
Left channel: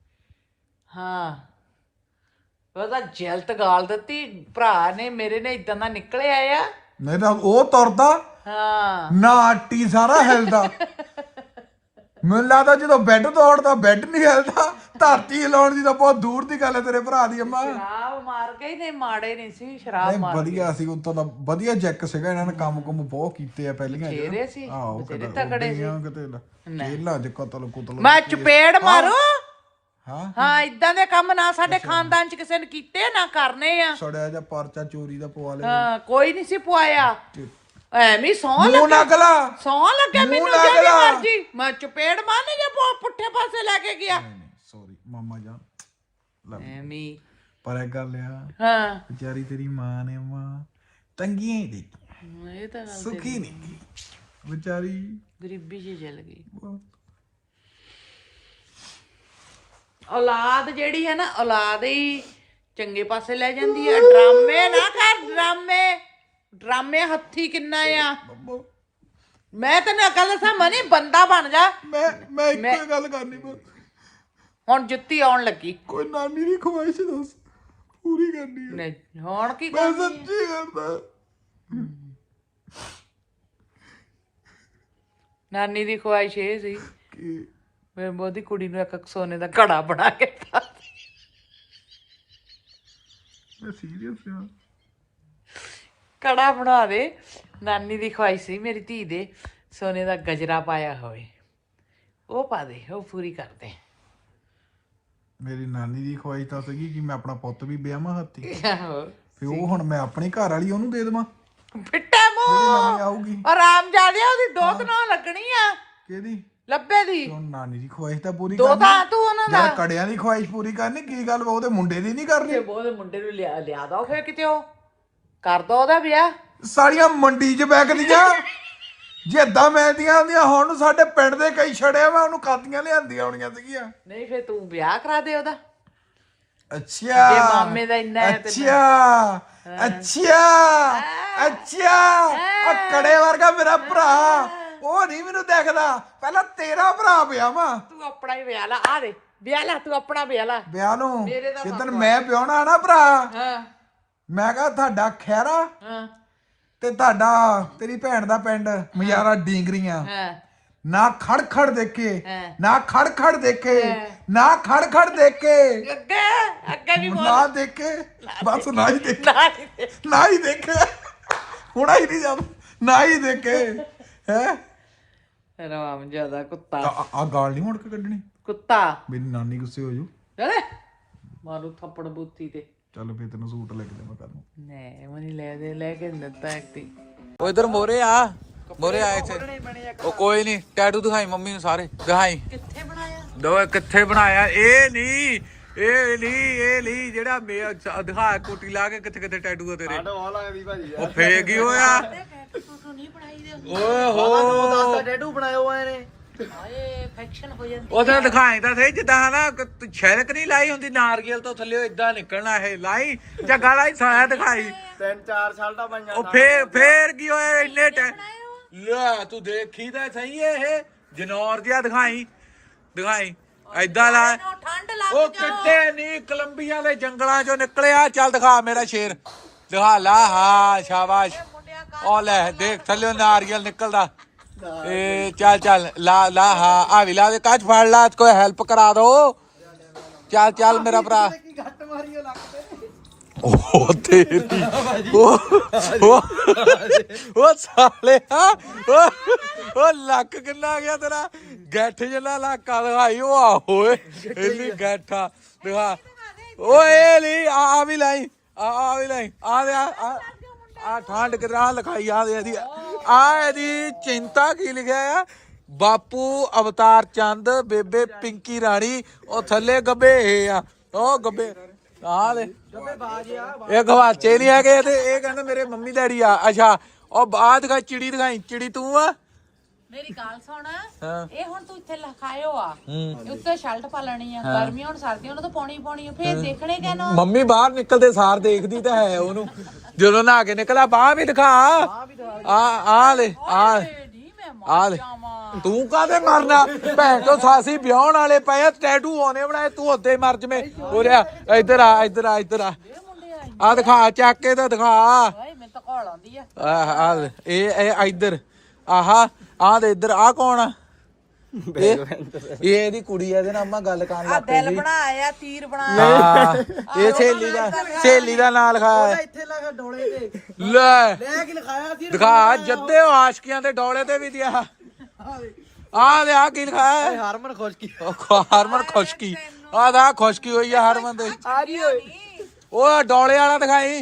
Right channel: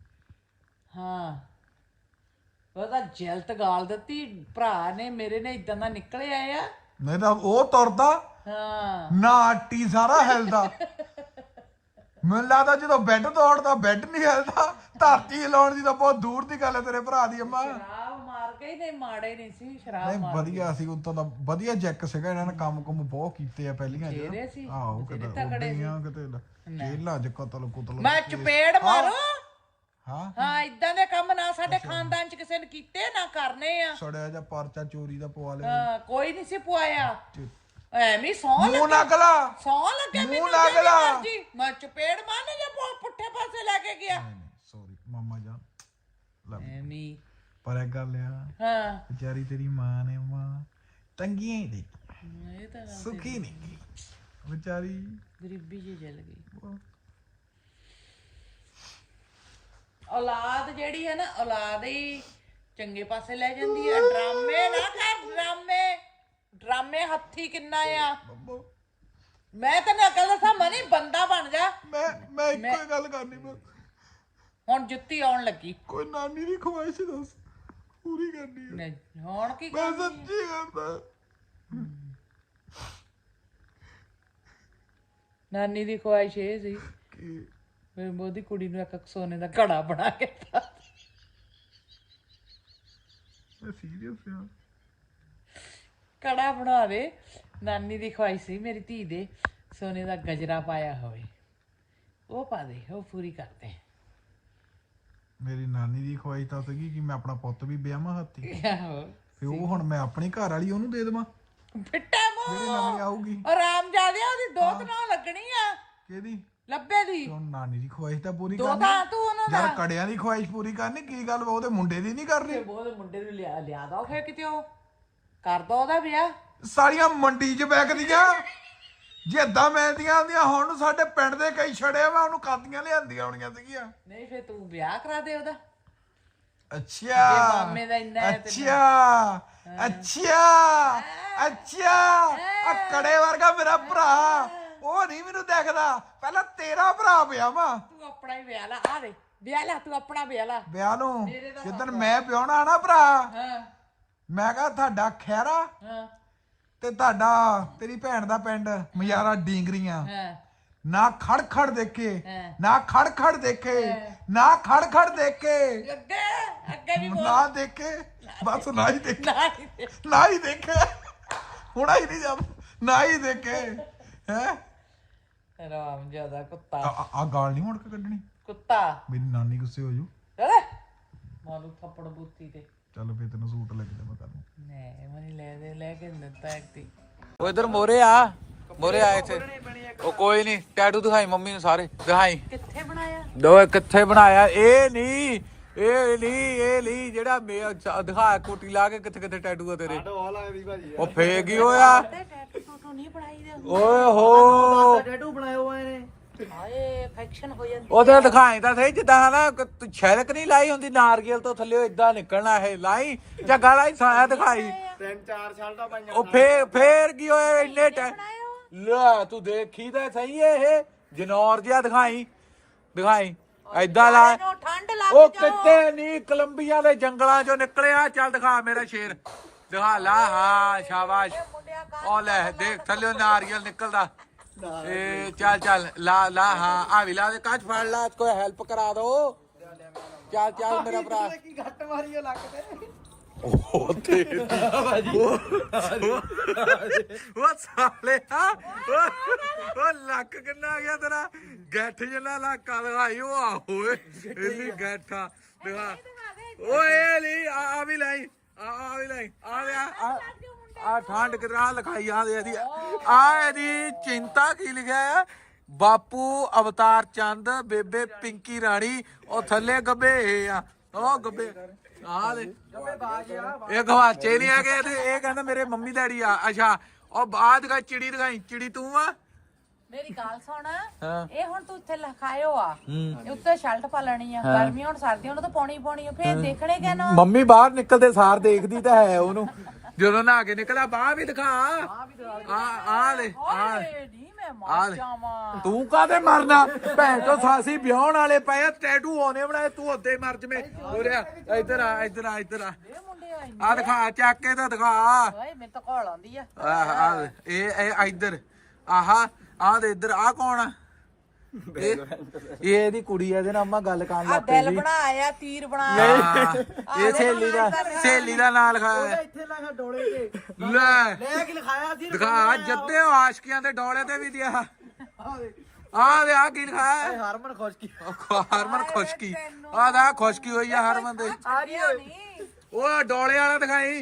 [SPEAKER 2] ਹਾਂ ਉਹਦਾ ਜੈਲਤ ਗਾਲ ਦਿੱਤੀ ਭਰਾ ਨੇ ਮੇਰੇ ਨੇ ਇਦਾਂ ਦਾ ਨਿਕਲਿਆ ਆ
[SPEAKER 1] ਨਹੀਂ ਤਾਂ ਉਹ ਤੁਰਦਾ
[SPEAKER 2] ਹਾਂ
[SPEAKER 1] ਨਾ ਆਟੀ ਸਾਰਾ ਹਿਲਦਾ ਮੈਨੂੰ ਲੱਗਦਾ ਜਦੋਂ ਬੈੱਡ ਤੋੜਦਾ ਬੈੱਡ ਨਹੀਂ ਹਿਲਦਾ ਧਰਤੀ ਹਿਲਾਉਣ ਦੀ ਤਾਂ ਬਹੁਤ ਦੂਰ ਦੀ ਗੱਲ ਹੈ ਤੇਰੇ ਭਰਾ ਦੀ ਅੰਮਾ
[SPEAKER 2] ਸ਼ਰਾਬ ਮਾਰ ਕੇ ਹੀ ਨੇ ਮਾੜੇ ਨਹੀਂ ਸੀ ਸ਼ਰਾਬ
[SPEAKER 1] ਨਹੀਂ
[SPEAKER 2] ਮਾਰ
[SPEAKER 1] ਵਧੀਆ ਸੀ ਉਤੋਂ ਦਾ ਵਧੀਆ ਜੈਕ ਸੀਗਾ ਇਹਨਾਂ ਨੇ ਕੰਮ ਕੁਮ ਬਹੁਤ ਕੀਤੇ ਆ ਪਹਿਲੀਆਂ
[SPEAKER 2] ਤੇਰੇ ਸੀ
[SPEAKER 1] ਆਹੋ
[SPEAKER 2] ਤੇਰੇ
[SPEAKER 1] ਕਿਤੇ
[SPEAKER 2] ਤਗੜੇ ਸੀ
[SPEAKER 1] ਉੱਡੀਆਂ ਕਿਤੇ ਜੇਲਾਂ ਚ ਕਤਲ ਕੁਤਲ
[SPEAKER 2] ਮੈਂ ਚਪੇੜ ਮਾਰੂ
[SPEAKER 1] ਹਾਂ
[SPEAKER 2] ਹਾਂ ਇਦਾਂ ਦੇ ਕੰਮ ਨਾ ਸਾਡੇ ਖਾਨਦਾਨ ਚ ਕਿਸੇ ਨੇ ਕੀਤੇ ਨਾ ਕਰਨੇ ਆ
[SPEAKER 1] ਸੜਿਆ ਜਾਂ ਪਰਚਾ ਚੋਰੀ ਦਾ ਪਵਾ ਲਿਆ
[SPEAKER 2] ਹਾਂ ਕੋਈ ਨਹੀਂ ਸੀ ਪੁਆਇਆ ਐਵੇਂ ਸੌ
[SPEAKER 1] ਮੂੰਹ
[SPEAKER 2] ਲੱਗਾ
[SPEAKER 1] ਨਗਲਾ
[SPEAKER 2] ਸੌ ਲੱਗੇ ਮੈਨੂੰ
[SPEAKER 1] ਲੱਗ
[SPEAKER 2] ਜਿਹੜੀ
[SPEAKER 1] ਲਾ।
[SPEAKER 2] ਮਰਜੀ ਮੈਂ ਚਪੇੜ ਮਾਰਨੇ ਜੇ ਪੁ- ਪੁੱਠੇ ਪਾਸੇ ਲੈ ਕੇ ਗਿਆ
[SPEAKER 1] ਨਹੀਂ ਸੌਰੀ ਮਾਮਾ ਜਾਨ ਲਵ
[SPEAKER 2] ਐਵੇਂ
[SPEAKER 1] ਪਰ ਇਹ ਗੱਲ ਆ
[SPEAKER 2] ਹਾਂ
[SPEAKER 1] ਵਿਚਾਰੀ ਤੇਰੀ ਮਾਂ ਨੇ ਮਾਂ ਤੰਗੀਆਂ ਹੀ ਦੇਖੀ
[SPEAKER 2] ਇਹ ਤਾਂ ਗੱਲ
[SPEAKER 1] ਸੁਖੀ ਨਹੀਂ ਗਈ ਵਿਚਾਰੀ
[SPEAKER 2] ਗਰੀਬੀ ਚ ਜਲ ਗਈ ਔਲਾਦ ਜਿਹੜੀ ਹੈ ਨਾ ਔਲਾਦ ਹੀ ਚੰਗੇ ਪਾਸੇ ਲੈ ਜਾਂਦੀ ਆ ਡਰਾਮੇ ਨਾ ਕਰ ਡਰਾਮੇ ਡਰਾਮੇ ਹੱਥੀ ਕਿੰਨਾ ਆ ਮੈਂ ਤੈਨੂੰ ਅਕਲ ਦੱਸਾਂ ਮਨੀ ਬੰਦਾ ਬਣ ਜਾ
[SPEAKER 1] ਮੈਂ ਮੈਂ ਇੱਕੋ ਹੀ ਗੱਲ ਕਰਨੀ ਬਸ
[SPEAKER 2] ਹੁਣ ਜੁੱਤੀ ਆਉਣ ਲੱਗੀ
[SPEAKER 1] ਕੋਈ ਨਾਨੀ ਦੀ ਖਵਾਇਸ਼ ਦੱਸ ਪੂਰੀ ਕਰਨੀ ਹੈ
[SPEAKER 2] ਨਹੀਂ, ਹੁਣ ਕੀ
[SPEAKER 1] ਮੈਂ
[SPEAKER 2] ਕਰਨੀ ਆ?
[SPEAKER 1] ਸੱਚੀ ਕਰਦਾ
[SPEAKER 2] ਨਾਨੀ ਦੀ ਖੁਆਇਸ਼ ਇਹ ਸੀ
[SPEAKER 1] ਕਿ
[SPEAKER 2] ਮੈਂ ਬੋਦੀ ਕੁੜੀ ਨੂੰ ਇੱਕ ਸੋਨੇ ਦਾ ਘੜਾ ਬਣਾ ਕੇ ਦਿੱਤਾ
[SPEAKER 1] ਮੈਂ ਸੀਰੀਅਸ ਹਾਂ
[SPEAKER 2] ਕੜਾ ਬਣਾ ਦੇ ਨਾਨੀ ਦੀ ਖੁਆਇਸ਼ ਸੀ ਮੇਰੀ ਧੀ ਦੇ ਸੋਨੇ ਦਾ ਗਜਰਾ ਪਾਇਆ ਹੋਵੇ ਉਹ ਪਾ ਦੇ ਉਹ ਪੂਰੀ ਕਰ ਦੇ
[SPEAKER 1] ਮੇਰੀ ਨਾਨੀ ਦੀ ਖਵਾਇਸ਼ ਤਾਂ ਸੀਗੀ ਕਿ ਮੈਂ ਆਪਣਾ ਪੁੱਤ ਵੀ ਵਿਆਹਾਂ ਹੱਥੀ
[SPEAKER 2] ਆਹੋ
[SPEAKER 1] ਫਿਰ ਉਹ ਹੁਣ ਮੈਂ ਆਪਣੀ ਘਰ ਵਾਲੀ ਉਹਨੂੰ ਦੇ ਦੇਵਾਂ
[SPEAKER 2] ਫਿੱਟਾ
[SPEAKER 1] ਜਿਹੜੀ
[SPEAKER 2] ਮੂੰਹ
[SPEAKER 1] ਨਵੀਂ ਆਊਗੀ
[SPEAKER 2] ਆਰਾਮ ਜਾਦਿਆ ਉਹਦੀ ਦੋਤ ਨਾਲ ਲੱਗਣੀ ਆ
[SPEAKER 1] ਕਿਹਦੀ
[SPEAKER 2] ਲੱਭੇ ਦੀ
[SPEAKER 1] ਹੁਣ ਨਾਨੀ ਦੀ ਖਵਾਇਸ਼ ਤਾਂ ਪੂਰੀ
[SPEAKER 2] ਦੋ
[SPEAKER 1] ਕਰਨੀ
[SPEAKER 2] ਤਾਂ ਤੂੰ ਉਹਨਾਂ ਦਾ
[SPEAKER 1] ਯਾਰ ਕੜਿਆਂ ਦੀ ਖਵਾਇਸ਼ ਪੂਰੀ ਕਰਨੀ ਕੀ ਗੱਲ ਵਾ, ਉਹਦੇ ਮੁੰਡੇ ਦੀ ਨਹੀਂ ਕਰਨੀ
[SPEAKER 2] ਉਹਦੇ ਮੁੰਡੇ ਨੂੰ ਲਿਆ ਲਿਆ ਦੋ ਫੇਰ ਕਿਤੇ ਉਹ ਕਰ ਦੋ ਉਹਦਾ ਵਿਆਹ
[SPEAKER 1] ਸਾਰੀਆਂ ਮੰਡੀ 'ਚ ਵਿਕਦੀਆਂ ਜੇ ਏਦਾਂ ਮਿਲਦੀਆਂ ਹੁੰਦੀਆਂ ਹੁਣ ਸਾਡੇ ਪਿੰਡ ਦੇ ਕਈ ਛੜਿਆ ਵਾ ਉਹਨੂੰ ਕਾਦੀਆਂ ਲਿਆਂਦੀਆਂ ਹੋਣੀਆਂ ਸੀਗੀਆਂ
[SPEAKER 2] ਨਹੀਂ ਫੇਰ ਤੂੰ ਵਿਆਹ ਕਰਾ ਦੇ ਉਹਦਾ
[SPEAKER 1] ਅੱਛਾ
[SPEAKER 2] ਜੇ ਮਾਮੇ ਦਾ ਇੰਨਾ ਹੈ ਤੇ
[SPEAKER 1] ਅੱਛਾ ਅੱਛਾ ਅੱਛਾ ਆ ਕੜੇ ਵਰਗਾ ਮੇਰਾ ਭਰਾ ਉਹ ਨਹੀਂ ਮੈਨੂੰ ਦੇਖਦਾ ਪਹਿਲਾਂ ਤੇਰਾ ਭਰਾ ਪਿਆ ਵਾ
[SPEAKER 2] ਤੂੰ ਆਪਣਾ ਹੀ ਵਿਆਹ ਲਾ ਆ ਦੇ ਵਿਆਹ ਲਾ ਤੂੰ ਆਪਣਾ ਵਿਆਹ ਲਾ
[SPEAKER 1] ਵਿਆਹ ਨੂੰ
[SPEAKER 2] ਮੇਰੇ ਦਾ
[SPEAKER 1] ਜਿੱਦਣ ਮੈਂ ਵਿਆਹਣਾ ਨਾ ਭਰਾ
[SPEAKER 2] ਹਾਂ
[SPEAKER 1] ਮੈਂ ਕਹਾ ਤੁਹਾਡਾ ਖੈਰਾ
[SPEAKER 2] ਹਾਂ
[SPEAKER 1] ਤੇ ਤੁਹਾਡਾ ਤੇਰੀ ਭੈਣ ਦਾ ਪਿੰਡ ਮਜ਼ਾਰਾ ਡੀਂਗਰੀਆਂ
[SPEAKER 2] ਹਾਂ
[SPEAKER 1] ਨਾ ਖੜ ਖੜ ਦੇਖੇ
[SPEAKER 2] ਹਾਂ।
[SPEAKER 1] ਨਾ ਖੜ ਖੜ ਦੇਖੇ ਨਾ ਖੜ ਖੜ ਦੇਖੇ
[SPEAKER 2] ਅੱਗੇ ਅੱਗੇ ਵੀ
[SPEAKER 1] ਨਾ ਦੇਖੇ ਬਸ ਨਾ ਹੀ ਦੇਖੇ
[SPEAKER 2] ਨਾ ਨੀ ਦੇ।
[SPEAKER 1] ਨਾ ਹੀ ਦੇਖੇ ਹੁਣਾ ਹੀ ਨਹੀਂ ਜਾ ਨਾ ਹੀ ਦੇਖੇ ਹੈ
[SPEAKER 2] ਰਾਮ ਜਿਆਦਾ ਕੁੱਤਾ
[SPEAKER 1] ਆ ਗਾਲ ਨਹੀਂ ਮੁੜ ਕੇ ਕੱਢਣੀ
[SPEAKER 2] ਕੁੱਤਾ
[SPEAKER 1] ਮੇਰੀ ਨਾਨੀ ਗੁੱਸੇ ਹੋ ਜੂ
[SPEAKER 2] ਲੈ ਮਾਰੂ ਥੱਪੜ ਬੁੱਤੀ ਤੇ
[SPEAKER 1] ਚੱਲ ਫੇ ਤੈਨੂੰ ਸੂਟ ਲੈ ਕੇ ਦੇਵਾਂ ਕੱਲ ਨੂੰ
[SPEAKER 2] ਨਹੀਂ ਮਨੀ ਲੈ ਦੇ ਲੈ ਕੇ ਦਿੱਤਾ ਐਕਟੀ
[SPEAKER 1] ਉਹ ਇਧਰ ਮੋਰੇ ਆ ਮੋਰੇ ਆ ਇੱਥੇ ਉਹ ਕੋਈ ਨਹੀਂ ਟੈਟੂ ਦਿਖਾਈ ਮੰਮੀ ਨੂੰ ਸਾਰੇ ਦਿਖਾਈ
[SPEAKER 2] ਕਿੱਥੇ ਬਣਾਇਆ
[SPEAKER 1] ਦੋ ਕਿੱਥੇ ਬਣਾਇਆ ਇਹ ਨਹੀਂ ਇਹ ਨਹੀਂ ਇਹ ਨਹੀਂ ਜਿਹੜਾ ਮੇ ਦਿਖਾ ਕੋਟੀ ਲਾ ਕੇ ਕਿੱਥੇ ਕਿੱਥੇ ਟੈਟੂ ਆ ਤੇਰੇ
[SPEAKER 4] ਉਹ ਲੱਗਦੀ ਭਾਜੀ
[SPEAKER 1] ਉਹ ਫੇਕ ਹੀ ਹੋਇਆ
[SPEAKER 2] ਫੋਟੋ ਨਹੀਂ ਬਣਾਈ ਦੇ
[SPEAKER 1] ਓਏ ਹੋ
[SPEAKER 4] ਟੈਟੂ ਬਣਾਇਆ ਹੋਇਆ ਇਹਨੇ
[SPEAKER 2] ਹਾਏ ਇਨਫੈਕਸ਼ਨ ਹੋ ਜਾਂਦੀ
[SPEAKER 1] ਉਹਦਾ ਦਿਖਾਈ ਤਾਂ ਸਹੀ ਜਿੱਦਾਂ ਨਾ ਕ- ਛਿਲਕ ਨਹੀਂ ਲਾਈ ਹੁੰਦੀ ਨਾਰਗਲ ਤੋਂ ਥੱਲੇ ਇਦਾਂ ਨਿਕਲਣਾ ਇਹ ਲਾਈ ਜੱਗਾ ਲਾਈ ਸਾਇਆ ਦਿਖਾਈ
[SPEAKER 4] ਤਿੰਨ ਚਾਰ ਸਾਲਟਾਂ ਪਾਈਆਂ
[SPEAKER 1] ਉਹ ਫੇਰ ਫੇਰ ਕੀ ਹੋਇਆ ਇੰਨੇ ਟਾਈਮ ਲੈ ਤੂੰ ਦੇਖੀ ਤਾਂ ਸਹੀ ਇਹ ਜਨੌਰ ਜਿਹਾ ਦਿਖਾਈ ਦਿਖਾਈ ਏਦਾਂ ਲਾ
[SPEAKER 2] ਇਹਨੂੰ ਠੰਡ ਲੱਗ
[SPEAKER 1] ਉਹ ਕਿਤੇ ਨਹੀਂ ਕੋਲੰਬੀਆ ਦੇ ਜੰਗਲਾਂ ਚੋਂ ਨਿਕਲਿਆ ਚੱਲ ਦਿਖਾ ਮੇਰਾ ਸ਼ੇਰ ਦਿਖਾ ਲਾ ਹਾਂ ਸ਼ਾਬਾਸ਼ ਉਹ ਲੈ ਦੇਖ ਥੱਲੇ ਨਾਰੀਅਲ ਨਿਕਲਦਾ ਏ ਚੱਲ ਚੱਲ ਲਾ ਲਾ ਹਾਂ ਆ ਵੀ ਲਾ ਦੇ ਕੱਚ ਫੜ ਲਾ ਕੋਈ ਹੈਲਪ ਕਰਾ ਦੋ ਚੱਲ ਚੱਲ ਮੇਰਾ ਭਰਾ
[SPEAKER 4] ਕੀ ਘੱਟ ਮਾਰੀ ਲੱਕ ਤੇ
[SPEAKER 1] ਉਹ ਤੇਰੀ ਉਹ ਉਹ- ਉਹ ਸਾਲੇ ਆ ਉਹ ਉਹ ਲੱਕ ਕਿੰਨਾ ਗਿਆ ਤੇਰਾ ਗੱਠ ਜਿੰਨਾ ਲੱਕਾ ਦਿਖਾਈ ਉਹ ਆ ਹੋਏ ਇੰਨੀ ਗੱਠਾ ਦਿਖਾ ਓਏ ਇਹ ਲਈ ਆ ਆ ਵੀ ਲਈ ਆ ਆ ਵੀ ਲਈ ਆ ਦੇ ਆ ਆ ਠੰਡ ਕਿਤਨਾ ਲਿਖਾਈ ਆ ਦੇ ਇਹਦੀ ਆ ਇਹਦੀ ਚਿੰਤਾ ਕੀ ਲਿਖਿਆ ਆ ਬਾਪੂ ਅਵਤਾਰ ਚੰਦ ਬੇਬੇ ਪਿੰਕੀ ਰਾਣੀ ਉਹ ਥੱਲੇ ਗੱਬੇ ਇਹ ਆ ਉਹ ਗੱਬੇ ਆ ਦੇ ਇਹ ਗਵਾਚੇ ਨਹੀਂ ਹੈਗੇ ਤੇ ਇਹ ਕਹਿੰਦਾ ਮੇਰੇ ਮੰਮੀ ਡੈਡੀ ਆ ਅੱਛਾ ਉਹ ਬਾਅਦ ਦਿਖਾਈ ਚਿੜੀ ਦਿਖਾਈ ਚਿੜੀ ਤੂੰ ਆ
[SPEAKER 2] ਮੇਰੀ ਗੱਲ ਸੁਣ
[SPEAKER 1] ਹਾਂ
[SPEAKER 2] ਇਹ ਹੁਣ ਤੂੰ ਇੱਥੇ ਲਿਖਾਇਓ ਆ
[SPEAKER 1] ਹੂੰ
[SPEAKER 2] ਉੱਤੇ ਸ਼ਰਟ ਪਾ ਲੈਣੀ ਆ ਗਰਮੀ ਹੁਣ ਸਰਦੀਆਂ ਨੂੰ ਤਾਂ ਪਾਉਣੀ ਪਾਉਣੀ ਆ ਫੇਰ ਦੇਖਣੇ ਕਿਆ ਨਾ
[SPEAKER 1] ਮੰਮੀ ਬਾਹਰ ਨਿਕਲਦੇ ਸਾਰ ਦੇਖਦੀ ਤਾਂ ਹੈ ਉਹਨੂੰ ਜਦੋਂ ਨਹਾ ਕੇ ਨਿਕਲਾ ਬਾਹ ਵੀ ਦਿਖਾ ਆ ਆ ਲੈ ਆ
[SPEAKER 2] ਨਹੀਂ ਮੈਂ
[SPEAKER 1] ਆ ਲੈ ਤੂੰ ਕਾਹਦੇ ਮਰਨਾ ਭੈਣ ਤੋਂ ਸਾਸੀ ਵਿਆਹਣ ਵਾਲੇ ਪਏ ਆ ਟੈਟੂ ਹੋਣੇ ਬਣਾਏ ਤੂੰ ਉੱਤੇ ਮਰ ਜਵੇਂ ਹੋ ਰਿਹਾ ਇੱਧਰ ਆ ਇੱਧਰ ਆ ਇੱਧਰ ਆ ਆ ਦਿਖਾ ਚੱਕ ਕੇ ਤਾਂ ਦਿਖਾ
[SPEAKER 2] ਓਏ ਮੈਨੂੰ ਤਾਂ ਘੋਲ ਆਉਂਦੀ ਆ
[SPEAKER 1] ਆਹ ਆ ਲੈ, ਇਹ ਇਹ ਇੱਧਰ ਆਹਾ ਆ ਦੇ ਇੱਧਰ ਆ ਕੌਣ ਆ ਇਹ ਇਹ ਇਹਦੀ ਕੁੜੀ ਆ ਇਹਦੇ ਨਾਲ ਅੰਮਾ ਗੱਲ ਕਰਨ ਲੱਗ ਪਈ
[SPEAKER 2] ਦਿਲ
[SPEAKER 1] ਸੀ
[SPEAKER 2] ਬਣਾਇਆ ਤੀਰ ਬਣਾਇਆ
[SPEAKER 1] ਹਾਂ ਇਹ ਸਹੇਲੀ ਦਾ ਸਹੇਲੀ ਦਾ ਨਾਂ ਲਿਖਾਇਆ ਹੈ
[SPEAKER 4] ਇੱਥੇ ਲਿਖਿਆ ਡੋਲੇ ਤੇ
[SPEAKER 1] ਲੈ
[SPEAKER 4] ਲੈ ਕੇ ਲਿਖਾਇਆ ਸੀ
[SPEAKER 1] ਦਿਖਾ ਜੱਦੇ ਆਸ਼ਕੀਆਂ ਦੇ ਡੋਲੇ ਤੇ ਵੀ ਦਿਆ ਆ ਦੇ ਆ ਕੀ ਲਿਖਾਇਆ ਹੈ
[SPEAKER 4] ਹਰਮਨ ਖੁਸ਼ਕੀ
[SPEAKER 1] ਹਰਮਨ ਖੁਸ਼ਕੀ ਆ ਦਾ ਖੁਸ਼ਕੀ ਹੋਈ ਆ ਹਰਮਨ ਦੇ
[SPEAKER 4] ਆ ਰਹੀ ਓਏ
[SPEAKER 1] ਉਹ ਡੋਲੇ ਵਾਲਾ ਦਿਖਾਈ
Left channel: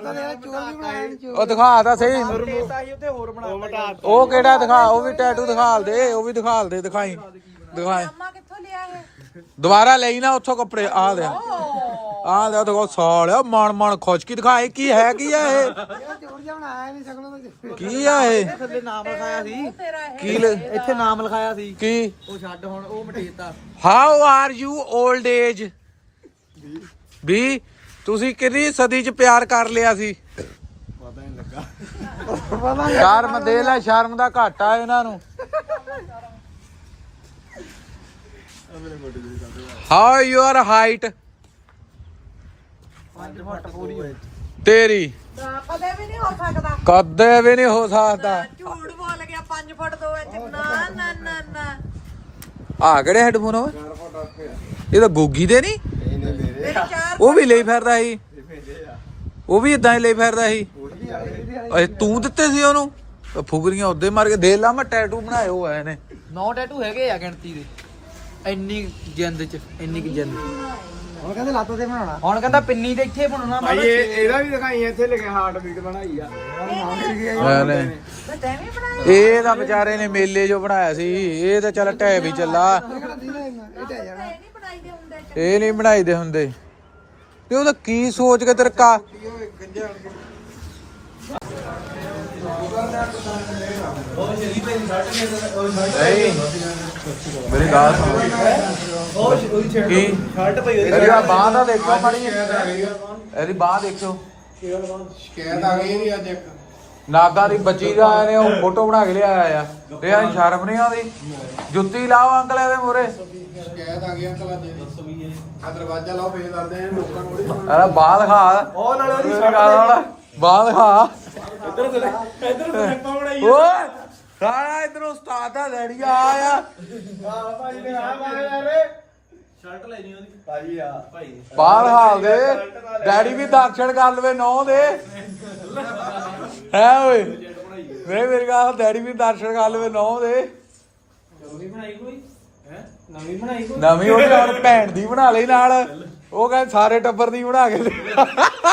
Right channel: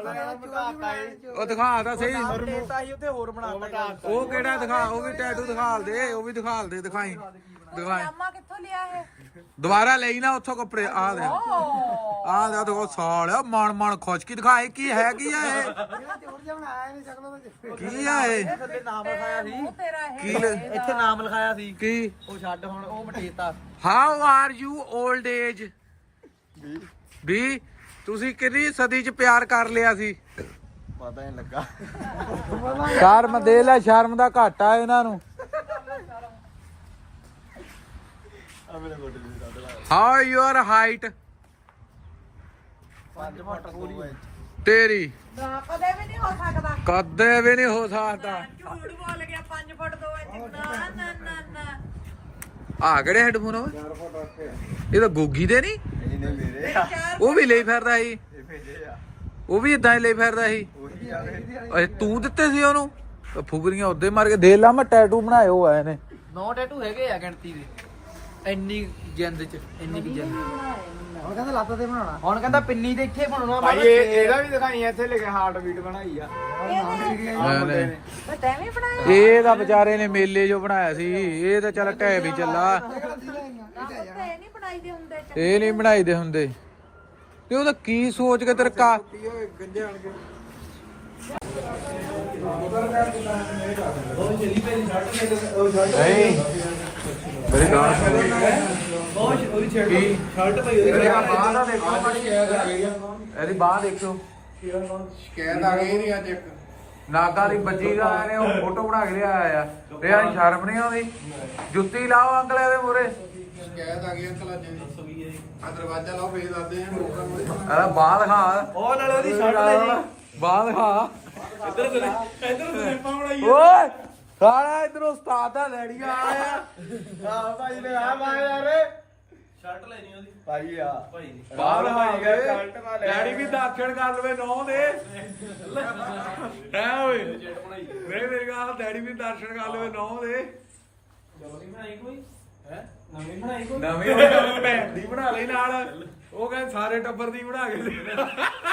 [SPEAKER 1] ਉਹ ਦਿਖਾ ਤਾਂ ਸਹੀ
[SPEAKER 4] ਉੱਤੇ ਹੋਰ ਬਣਾ
[SPEAKER 1] ਉਹ ਕਿਹੜਾ ਦਿਖਾ ਉਹ ਵੀ ਟੈਟੂ ਦਿਖਾਲ ਦੇ ਉਹ ਵੀ ਦਿਖਾਲ ਦੇ ਦਿਖਾਈ ਦਿਖਾਈ
[SPEAKER 2] ਮਾਂ ਕਿੱਥੋਂ ਲਿਆ ਇਹ
[SPEAKER 1] ਦੁਬਾਰਾ ਲਈ ਨਾ ਉੱਥੋਂ ਕੱਪੜੇ ਆ ਦੇ ਆ ਦੇ ਦੇਖੋ ਸਾਲਿਆ ਮਣ ਮਣ ਖੁਸ਼ਕੀ ਦਿਖਾਈ ਕੀ ਹੈ ਕੀ ਆ ਇਹ
[SPEAKER 4] ਜੋੜ ਜਾ ਬਣਾਇਆ ਨਹੀਂ ਸਕਣੋ
[SPEAKER 1] ਕੀ ਆ ਇਹ
[SPEAKER 4] ਥੱਲੇ ਨਾਮ ਲਿਖਾਇਆ ਸੀ
[SPEAKER 1] ਕੀ ਲ-
[SPEAKER 4] ਇੱਥੇ ਨਾਮ ਲਿਖਾਇਆ ਸੀ
[SPEAKER 1] ਕੀ
[SPEAKER 4] ਉਹ ਛੱਡ ਹੁਣ ਉਹ ਮਟੇਤਾ
[SPEAKER 1] how are you old age ਵੀ ਤੁਸੀਂ ਕਿੰਨੀ ਸਦੀ ਚ ਪਿਆਰ ਕਰ ਲਿਆ ਸੀ
[SPEAKER 4] ਪਤਾ ਨਹੀਂ ਲੱਗਾ
[SPEAKER 1] ਸ਼ਰਮ ਦੇ ਲੈ ਸ਼ਰਮ ਦਾ ਘਾਟਾ ਇਹਨਾਂ ਨੂੰ ਹਾਊ ਯੂਅਰ ਹਾਈਟ
[SPEAKER 4] ਪੰਜ ਫੁੱਟ ਪੂਰੀ
[SPEAKER 1] ਤੇਰੀ
[SPEAKER 2] ਕਦੇ ਵੀ ਨਹੀਂ ਹੋ ਸਕਦਾ
[SPEAKER 1] ਕਦੇ ਵੀ ਨਹੀਂ ਹੋ ਸਕਦਾ
[SPEAKER 2] ਝੂਠ ਬੋਲ ਗਿਆ ਪੰਜ ਫੁੱਟ ਦੋ ਇੰਚ ਨਾ ਨਾ ਨਾ ਨਾ
[SPEAKER 1] ਆ ਕਿਹੜੇ ਹੈਡਫੋਨ ਓਏ ਇਹ ਤਾਂ ਗੋਗੀ ਦੇ ਨਹੀਂ
[SPEAKER 4] ਨਹੀਂ ਨਹੀਂ ਮੇਰੇ
[SPEAKER 1] ਉਹ ਵੀ ਲਈ ਫਿਰਦਾ ਸੀ
[SPEAKER 4] ਮੇਰੇ ਆ
[SPEAKER 1] ਉਹ ਵੀ ਇਦਾਂ ਹੀ ਲਈ ਫਿਰਦਾ ਸੀ
[SPEAKER 4] ਉਹੀ ਆ
[SPEAKER 1] ਅਏ ਤੂੰ ਦਿੱਤੇ ਸੀ ਉਹਨੂੰ ਉਹ ਫੁਗਰੀਆਂ ਉਹਦੇ ਮਾਰ ਕੇ ਦੇ ਲਾ ਮੈਂ ਟੈਟੂ ਬਣਾਏ ਹੋ ਆਏ ਨੇ
[SPEAKER 4] ਨੌ ਟੈਟੂ ਹੈਗੇ ਆ ਗਿਣਤੀ ਦੇ ਇੰਨੀ ਜਿੰਦ ਚ ਇੰਨੀ ਕਿ ਜਿੰਦ ਹੁਣ ਕਹਿੰਦਾ ਲੱਤ ਤੇ ਬਣਾਉਣਾ ਹੁਣ ਕਹਿੰਦਾ ਪਿੰਨੀ ਤੇ ਇੱਥੇ ਬਣਾਉਣਾ ਭਾਈ ਇਹ ਇਹਦਾ ਵੀ ਦਿਖਾਈ ਇੱਥੇ ਲਿਖਿਆ ਹਾਰਟ ਬੀਟ ਬਣਾਈ ਆ ਨਾਮ ਲਿਖ ਗਿਆ
[SPEAKER 1] ਨਹੀਂ ਇਹ ਤਾਂ ਵਿਚਾਰੇ ਨੇ ਮੇਲੇ ਜੋ ਬਣਾਇਆ ਸੀ ਇਹ ਤਾਂ ਚੱਲ ਟੈ ਵੀ ਚੱਲਾ
[SPEAKER 4] ਇਹ ਟਹਿ ਜਾਣਾ
[SPEAKER 1] ਇਹ ਨਹੀਂ ਬਣਾਈਦੇ ਹੁੰਦੇ ਤੇ ਉਹਦਾ ਕੀ ਸੋਚ ਕੇ ਤੇਰੇ ਕਾ ਨਹੀਂ ਮੇਰੀ ਗੱਲ ਸੁਣ ਕੀ
[SPEAKER 4] ਸ਼ਰਟ ਪਈ
[SPEAKER 1] ਇਹਦੀ ਬਾਹ ਦਾ ਦੇਖੋ ਮਾੜੀ ਇਹਦੀ ਬਾਹ ਦੇਖੋ
[SPEAKER 3] ਸ਼ਿਕਾਇਤ ਆ ਗਈ ਇਹਦੀ ਅੱਜ ਇੱਕ
[SPEAKER 1] ਨਾਗਾ ਦੀ ਬੱਚੀ ਦਾ ਆਏ ਨੇ ਉਹ ਫੋਟੋ ਬਣਾ ਕੇ ਲਿਆਇਆ ਆ ਇਹ ਆ ਸ਼ਰਮ ਨਹੀਂ ਆਉਂਦੀ ਜੁੱਤੀ ਲਾਓ ਅੰਕਲ ਇਹਦੇ ਮੂਰੇ
[SPEAKER 3] ਸ਼ਿਕਾਇਤ ਆ ਗਈ ਅੰਕਲ ਅੱਜ ਦੀ ਆ ਦਰਵਾਜ਼ਾ ਲਾਓ ਫੇਰ ਦੱਸਦੇ ਆ ਲੋਕਾਂ ਕੋਲ
[SPEAKER 1] ਇਹਦਾ ਬਾਹ ਦਿਖਾ
[SPEAKER 4] ਉਹ ਨਾਲੇ ਉਹਦੀ
[SPEAKER 1] ਬਾਹ ਦਿਖਾ
[SPEAKER 4] ਇੱਧਰ ਚਲੇ ਇੱਧਰ ਸਲਿੱਪਾਂ ਬਣਾਈ
[SPEAKER 1] ਓਏ ਸਾਰਾ ਇਧਰੋਂ ਉਸਤਾਦ ਦਾ ਰੈਡੀ ਆਇਆ
[SPEAKER 4] ਆ ਭਾਈ ਨੇ ਆ ਮਾਰਿਆ ਸ਼ਰਟ ਲੈਣੀ ਉਹਦੀ ਭਾਈ ਆ ਭਾਈ
[SPEAKER 1] ਬਾਹਰ ਹਾਲ ਦੇ ਡੈਡੀ ਵੀ ਦਰਸ਼ਨ ਕਰ ਲਵੇ ਨੌ ਦੇ ਹੈ ਓਏ ਨਹੀਂ ਮੇਰੀ ਗੱਲ ਡੈਡੀ ਵੀ ਦਰਸ਼ਨ ਕਰ ਲਵੇ ਨੌ ਦੇ
[SPEAKER 4] ਨਵੀਂ ਬਣਾਈ ਕੋਈ ਹੈ ਨਵੀਂ ਬਣਾਈ ਕੋਈ
[SPEAKER 1] ਨਵੀਂ ਉਹ ਯਾਰ ਭੈਣ ਦੀ ਬਣਾ ਲਈ ਨਾਲ ਉਹ ਕਹਿੰਦੇ ਸਾਰੇ ਟੱਬਰ ਦੀ ਬਣਾ ਕੇ ਲਿਆ।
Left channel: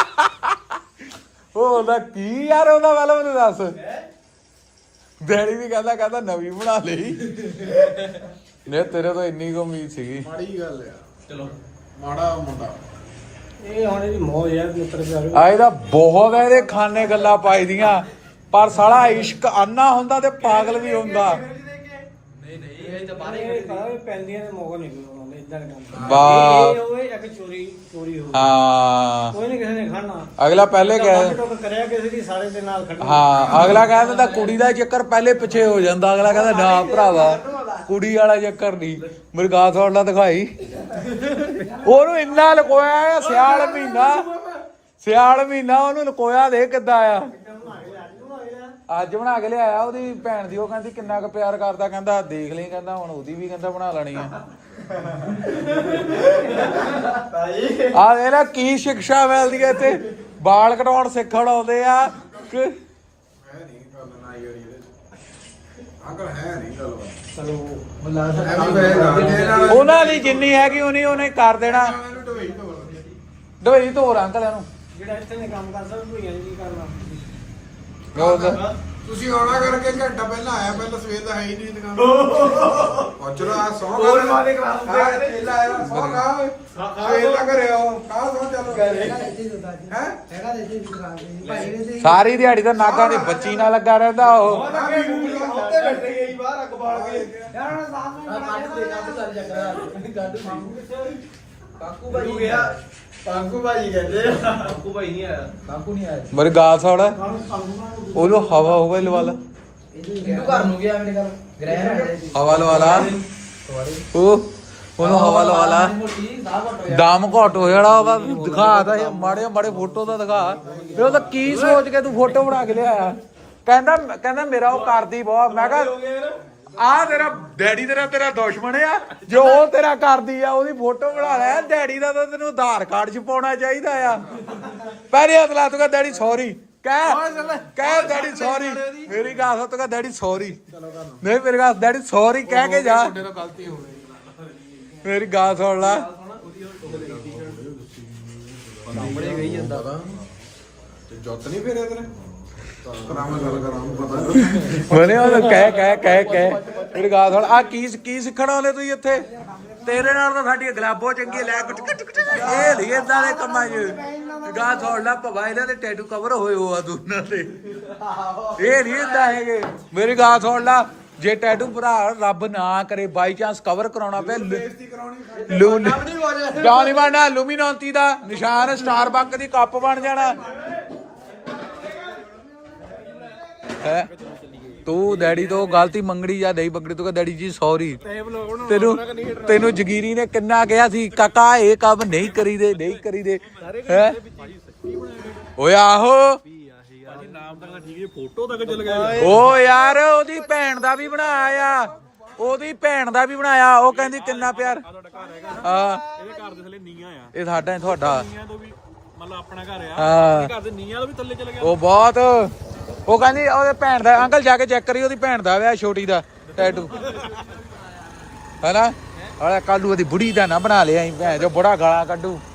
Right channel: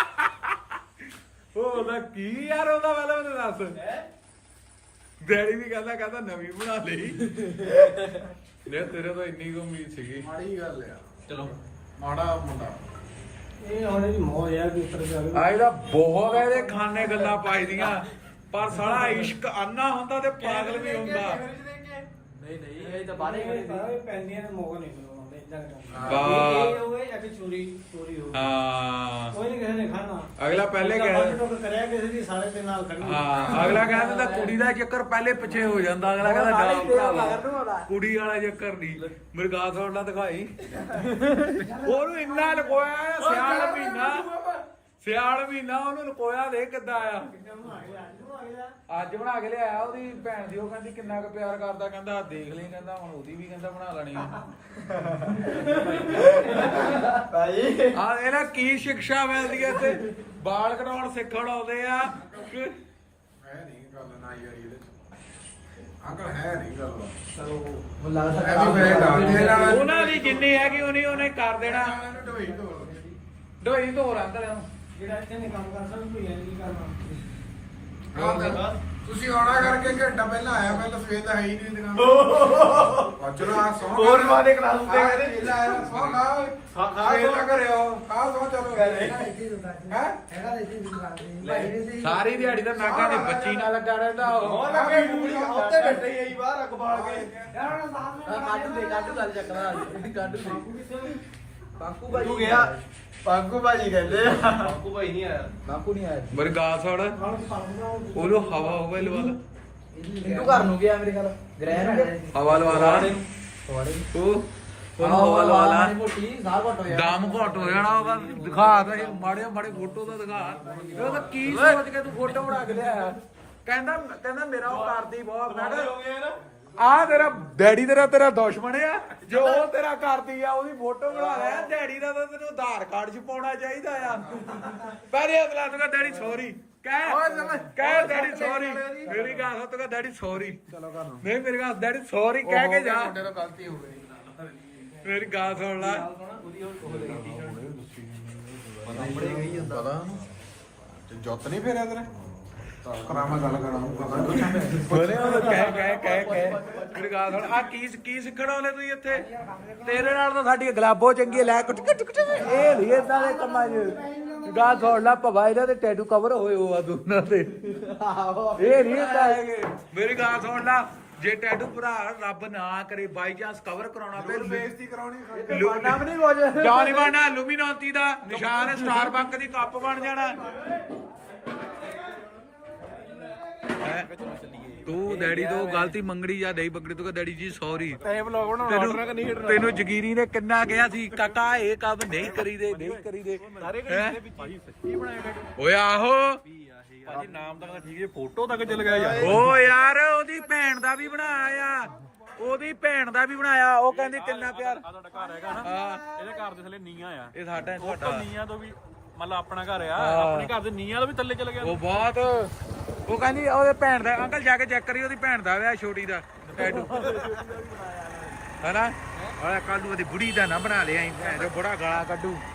[SPEAKER 1] ਉਹ ਉਹਦਾ ਕੀ ਯਾਰ ਉਹਦਾ ਪਹਿਲਾਂ ਮੈਨੂੰ ਦੱਸ ਡੈਡੀ ਵੀ ਕਹਿੰਦਾ ਕਹਿੰਦਾ ਨਵੀਂ ਬਣਾ ਲਈ ਨੇ ਤੇਰੇ ਤੋਂ ਇੰਨੀ ਕੁ ਉਮੀਦ ਸੀਗੀ
[SPEAKER 3] ਮਾੜੀ ਗੱਲ ਆ
[SPEAKER 4] ਚਲੋ
[SPEAKER 3] ਮਾੜਾ ਮੁੰਡਾ
[SPEAKER 4] ਇਹ ਹੁਣ ਇਹਦੀ ਮੋਹ ਯਾਰ ਦੀ ਉੱਤਰ ਜਾਰੂ
[SPEAKER 1] ਆ ਇਹਦਾ ਬਹੁਤ ਇਹਦੇ ਖਾਨੇ ਗੱਲਾਂ ਪਾਈ ਦੀਆਂ ਪਰ ਸਾਲਾ ਇਸ਼ਕ ਆਨਾ ਹੁੰਦਾ ਤੇ ਪਾਗਲ ਵੀ ਹੁੰਦਾ
[SPEAKER 4] ਨਹੀਂ ਨਹੀਂ ਹੋਏ ਤਾਂ ਬਾਹਰੇ
[SPEAKER 5] ਪੈਂਦੀਆਂ ਤਾਂ ਮੌਕਾ ਨਹੀਂ ਮਿਲਦਾ ਇਦਾਂ ਕੰਮ
[SPEAKER 1] ਬਾ
[SPEAKER 5] ਇਹ ਹੋਏ ਇੱਕ ਚੋਰੀ ਚੋਰੀ ਹੋ
[SPEAKER 1] ਹਾਂ
[SPEAKER 5] ਕੋਈ ਨਹੀਂ ਕਿਸੇ ਨੇ ਖਾਣਾ
[SPEAKER 1] ਅਗਲਾ ਪਹਿਲੇ ਕਹੇ
[SPEAKER 5] ਟੋਕ ਕਰਿਆ ਕਿਸੇ ਦੀ ਸਾਰੇ ਦੇ ਨਾਲ ਖੜਾ
[SPEAKER 1] ਹਾਂ ਅਗਲਾ ਕਹਿ ਦਿੰਦਾ ਕੁੜੀ ਦਾ ਚੱਕਰ ਪਹਿਲੇ ਪਿੱਛੇ ਹੋ ਜਾਂਦਾ ਅਗਲਾ ਕਹਿੰਦਾ ਨਾ ਭਰਾਵਾ ਕੁੜੀ ਵਾਲਾ ਚੱਕਰ ਨਹੀਂ ਮੇਰੇ ਗਾਹ ਥੋੜਾ ਦਿਖਾਈ ਉਹਨੂੰ ਇੰਨਾ ਲਕੋਇਆ ਆ ਸਿਆਲ ਮਹੀਨਾ ਸਿਆਲ ਮਹੀਨਾ ਉਹਨੂੰ ਲਕੋਇਆ ਦੇ ਕਿੱਦਾਂ ਆ ਅੱਜ ਬਣਾ ਕੇ ਲਿਆਇਆ ਉਹਦੀ ਭੈਣ ਦੀ ਉਹ ਕਹਿੰਦੀ ਕਿੰਨਾ ਕੁ ਪਿਆਰ ਕਰਦਾ ਕਹਿੰਦਾ ਦੇਖ ਲਈ ਕਹਿੰਦਾ ਹੁਣ ਉਹਦੀ ਵੀ ਕਹਿੰਦਾ ਬਣਾ ਲੈਣੀ ਆ ਆ ਇਹਦਾ ਕੀ ਸਿੱਖਿਆ ਮਿਲਦੀ ਹੈ ਇੱਥੇ ਵਾਲ ਕਟਾਉਣ ਸਿੱਖਣ ਆਉਂਦੇ ਆ ਕਿ
[SPEAKER 6] ਹੈ ਨਹੀਂ ਗੱਲ ਨਾ ਯਾਰ ਇਹਦੇ ਅੰਕਲ ਹੈ ਨਹੀਂ ਗੱਲ
[SPEAKER 4] ਉਹ
[SPEAKER 6] ਐਵੇਂ ਪੈ ਰਾਤੇ ਨਾਲ
[SPEAKER 1] ਉਹਨਾਂ ਦੀ ਜਿੰਨੀ ਹੈਗੀ ਉਹਨੀ ਉਹਨੇ ਕਰ ਦੇਣਾ
[SPEAKER 6] ਇਹਨੂੰ ਢੋਈ ਢੋਲ
[SPEAKER 1] ਢੋਈ ਧੋ ਰਾਂ ਅੰਕਲ ਇਹਨੂੰ
[SPEAKER 5] ਜਿਹੜਾ ਇੱਥੇ ਨੇ ਕੰਮ ਕਰਦਾ ਉਹਨੂੰ ਹੀ ਕੀ ਕਰਨਾ
[SPEAKER 1] ਉਹ
[SPEAKER 6] ਤੁਸੀਂ ਆਉਣਾ ਕਰਕੇ ਘੰਟਾ ਪਹਿਲਾਂ ਆਇਆ ਪਹਿਲਾਂ ਸਵੇਰ ਦਾ ਹੈ ਹੀ ਨਹੀਂ ਦੁਕਾਨ ਪਹੁੰਚਣਾ ਸੌ
[SPEAKER 4] ਹੋਰ ਮਾਰੇ ਕਰਾ
[SPEAKER 6] ਦੇ ਚੇਲਾ ਆਇਆ ਸੌ ਖਾ ਖਾ ਸਵੇਰ ਦਾ ਘਰੇ ਆਓ ਖਾ ਸੌ ਚਲੋ ਹੈ
[SPEAKER 1] ਸਾਰੀ ਦਿਹਾੜੀ ਤਾਂ ਨਾਗਾਂ ਦੇ ਬੱਚੀ ਨਾਲ ਲੱਗਾ ਰਹਿੰਦਾ ਉਹ
[SPEAKER 6] ਆ ਵੀ ਉੱਤੇ ਬੈਠੇ ਹੀ
[SPEAKER 5] ਬਾਹਰ ਅੱਗ ਬਾਲ ਕੇ
[SPEAKER 4] ਯਾਰ ਹੁਣ ਸਾਹਮਣੇ ਚੱਲ ਚੱਕਰਾ ਬਾਕੂ ਗਿਆ ਬਾਕੂ ਭਾਈ ਕਹਿੰਦੇ ਬਾਕੂ ਭਾਈ ਨਹੀਂ ਆਇਆ ਬਾਕੂ ਨਹੀਂ ਆਇਆ
[SPEAKER 1] ਮੇਰੇ ਗਾਲ ਸੌੜ ਉਹਨੂੰ ਹਵਾ ਹੋਵੇ ਲਵਾ ਲਾ
[SPEAKER 4] ਇਹਨੂੰ ਘਰ ਨੂੰ ਗਿਆ ਮੇਰੇ ਘਰ ਗ੍ਰਹਿ
[SPEAKER 1] ਹਵਾ ਲਵਾ ਲਾ ਉਹ ਉਹਨੂੰ ਹਵਾ ਲਵਾ ਲਾ ਦਮ ਘਟ ਹੋ ਜਾਣਾ ਉਹਦਾ ਦਿਖਾ ਤਾਂ ਮਾੜੇ ਮਾੜੇ ਫੋਟੋ ਦਾ ਦਿਖਾ ਤੇ ਉਹ ਤਾਂ ਕੀ ਸੋਚ ਕੇ ਤੂੰ ਫੋਟੋ ਬਣਾ ਕੇ ਲਿਆਇਆ ਕਹਿੰਦਾ ਕਹਿੰਦਾ ਮੇਰਾ ਉਹ ਕਰਦੀ ਬਹੁਤ ਮੈਂ ਕਿਹਾ ਆ ਤੇਰਾ ਡੈਡੀ ਤੇਰਾ ਤੇਰਾ ਦੁਸ਼ਮਣ ਆ ਜੋ ਉਹ ਤੇਰਾ ਕਰਦੀ ਆ ਉਹਦੀ ਫੋਟੋ ਬਣਾ ਲਿਆ ਡੈਡੀ ਦਾ ਤਾਂ ਤੈਨੂੰ ਆਧਾਰ ਕਾਰਡ 'ਚ ਪਾਉਣਾ ਚਾਹੀਦਾ ਆ ਪਹਿਲੇ ਹੱਥ ਲਾ ਤੂੰ ਕਹ ਡੈਡੀ ਸੌਰੀ ਕਹਿ ਕਹਿ ਡੈਡੀ ਸੌਰੀ ਮੇਰੀ ਗੱਲ ਸੁਣ ਤੂੰ ਕਹ ਡੈਡੀ ਸੌਰੀ ਨਹੀਂ ਮੇਰੀ ਗੱਲ ਡੈਡੀ ਸੌਰੀ ਕਹਿ ਕੇ ਜਾ
[SPEAKER 6] ਗਲਤੀ ਹੋ ਗਈ
[SPEAKER 1] ਮੇਰੀ ਗੱਲ ਸੁਣ ਲੈ
[SPEAKER 6] ਤੇ ਜੁੱਤ ਨਹੀਂ ਫੇਰਿਆ ਤੇਰੇ ਕਰਾਂ ਮੈਂ ਗੱਲ ਕਰਾਂ ਪਤਾ
[SPEAKER 1] ਮਨੇ ਉਹ ਕਹਿ ਕਹਿ ਕਹਿ ਕਹਿ ਮੇਰੀ ਗੱਲ ਸੁਣ ਆ ਕੀ ਕੀ ਸਿੱਖਣਾ ਉਹਨੇ ਤੁਸੀਂ ਇੱਥੇ ਤੇਰੇ ਨਾਲ ਤਾਂ ਸਾਡੀ ਗਲਾਬੋ ਚੰਗੀ ਲੈ ਕੁੱਟ ਕੁੱਟ ਕੁੱਟ ਇਹ ਨਹੀਂ ਏਦਾਂ ਦੇ ਕੰਮਾਂ 'ਚ ਗੱਲ ਸੁਣ ਲੈ ਭਵਾ ਇਹਨਾਂ ਦੇ ਟੈਟੂ ਕਵਰ ਹੋਏ ਹੋ ਆ ਦੋਨਾਂ ਦੇ ਇਹ ਨਹੀਂ ਏਦਾਂ ਹੈਗੇ ਮੇਰੀ ਗੱਲ ਸੁਣ ਲੈ ਜੇ ਟੈਟੂ ਭਰਾ ਰੱਬ ਨਾ ਕਰੇ ਬਾਈ ਚਾਂਸ ਕਵਰ ਕਰਾਉਣਾ ਪਏ ਲੂਨ ਨਹੀਂ ਬਣਨਾ ਲੂਮੀਨੋਂਤੀ ਦਾ ਨਿਸ਼ਾਨ ਸਟਾਰਬਕ ਦੀ ਕੱਪ ਬਣ ਜਾਣਾ ਹੈ ਤੂੰ ਡੈਡੀ ਤੋਂ ਗਲਤੀ ਮੰਗਣੀ ਜਾਂ ਨਹੀਂ ਮੰਗਣੀ ਤੂੰ ਕਹ ਡੈਡੀ ਜੀ ਸੌਰੀ ਤੈਨੂੰ ਤੈਨੂੰ ਜਗੀਰੀ ਨੇ ਕਿੰਨਾ ਕਿਹਾ ਸੀ ਕਾਕਾ ਇਹ ਕੰਮ ਨਹੀਂ ਕਰੀਦੇ ਨਹੀਂ ਕਰੀਦੇ ਹੈ ਓਏ ਆਹੋ
[SPEAKER 7] ਭਾਜੀ ਨਾਮ ਤੱਕ ਤਾਂ ਠੀਕ ਹੈ ਫੋਟੋ ਤੱਕ ਚੱਲ ਗਿਆ ਯਾਰ
[SPEAKER 1] ਓ ਯਾਰ ਉਹਦੀ ਭੈਣ ਦਾ ਵੀ ਬਣਾਇਆ ਉਹਦੀ ਭੈਣ ਦਾ ਵੀ ਬਣਾਇਆ ਉਹ ਕਹਿੰਦੀ ਕਿੰਨਾ ਪਿਆਰ
[SPEAKER 7] ਆ ਤੁਹਾਡਾ ਘਰ ਹੈਗਾ ਨਾ
[SPEAKER 1] ਹਾਂ
[SPEAKER 7] ਇਹਦੇ ਘਰ ਦੇ ਥੱਲੇ ਨੀਆਂ ਆ
[SPEAKER 1] ਇਹ ਸਾਡਾ ਤੁਹਾਡਾ
[SPEAKER 7] ਨੀਆਂ ਤੋਂ ਵੀ ਮਤਲਬ ਆਪਣਾ ਘਰ ਆ
[SPEAKER 1] ਹਾਂ।
[SPEAKER 7] ਇਹਦੇ ਘਰ ਦੇ ਨੀਆਂ ਤੋਂ ਵੀ ਥੱਲੇ ਚਲ ਗਿਆ
[SPEAKER 1] ਉਹ ਬਹੁਤ ਉਹ ਕਹਿੰਦੀ ਉਹਦੇ ਭੈਣ ਦਾ ਅੰਕਲ ਜਾ ਕੇ ਚੈੱਕ ਕਰੀ ਉਹਦੀ ਭੈਣ ਦਾ ਵਿਆਹ ਛੋਟੀ ਦਾ ਟੈਟੂ ਹੈਨਾ ਆ ਕੱਲੂ ਉਹਦੀ ਬੁੜੀ ਦਾ ਨਾ ਬਣਾ ਲਿਆ ਜੋ ਬੜਾ ਗਾਲਾਂ ਕੱਢੂ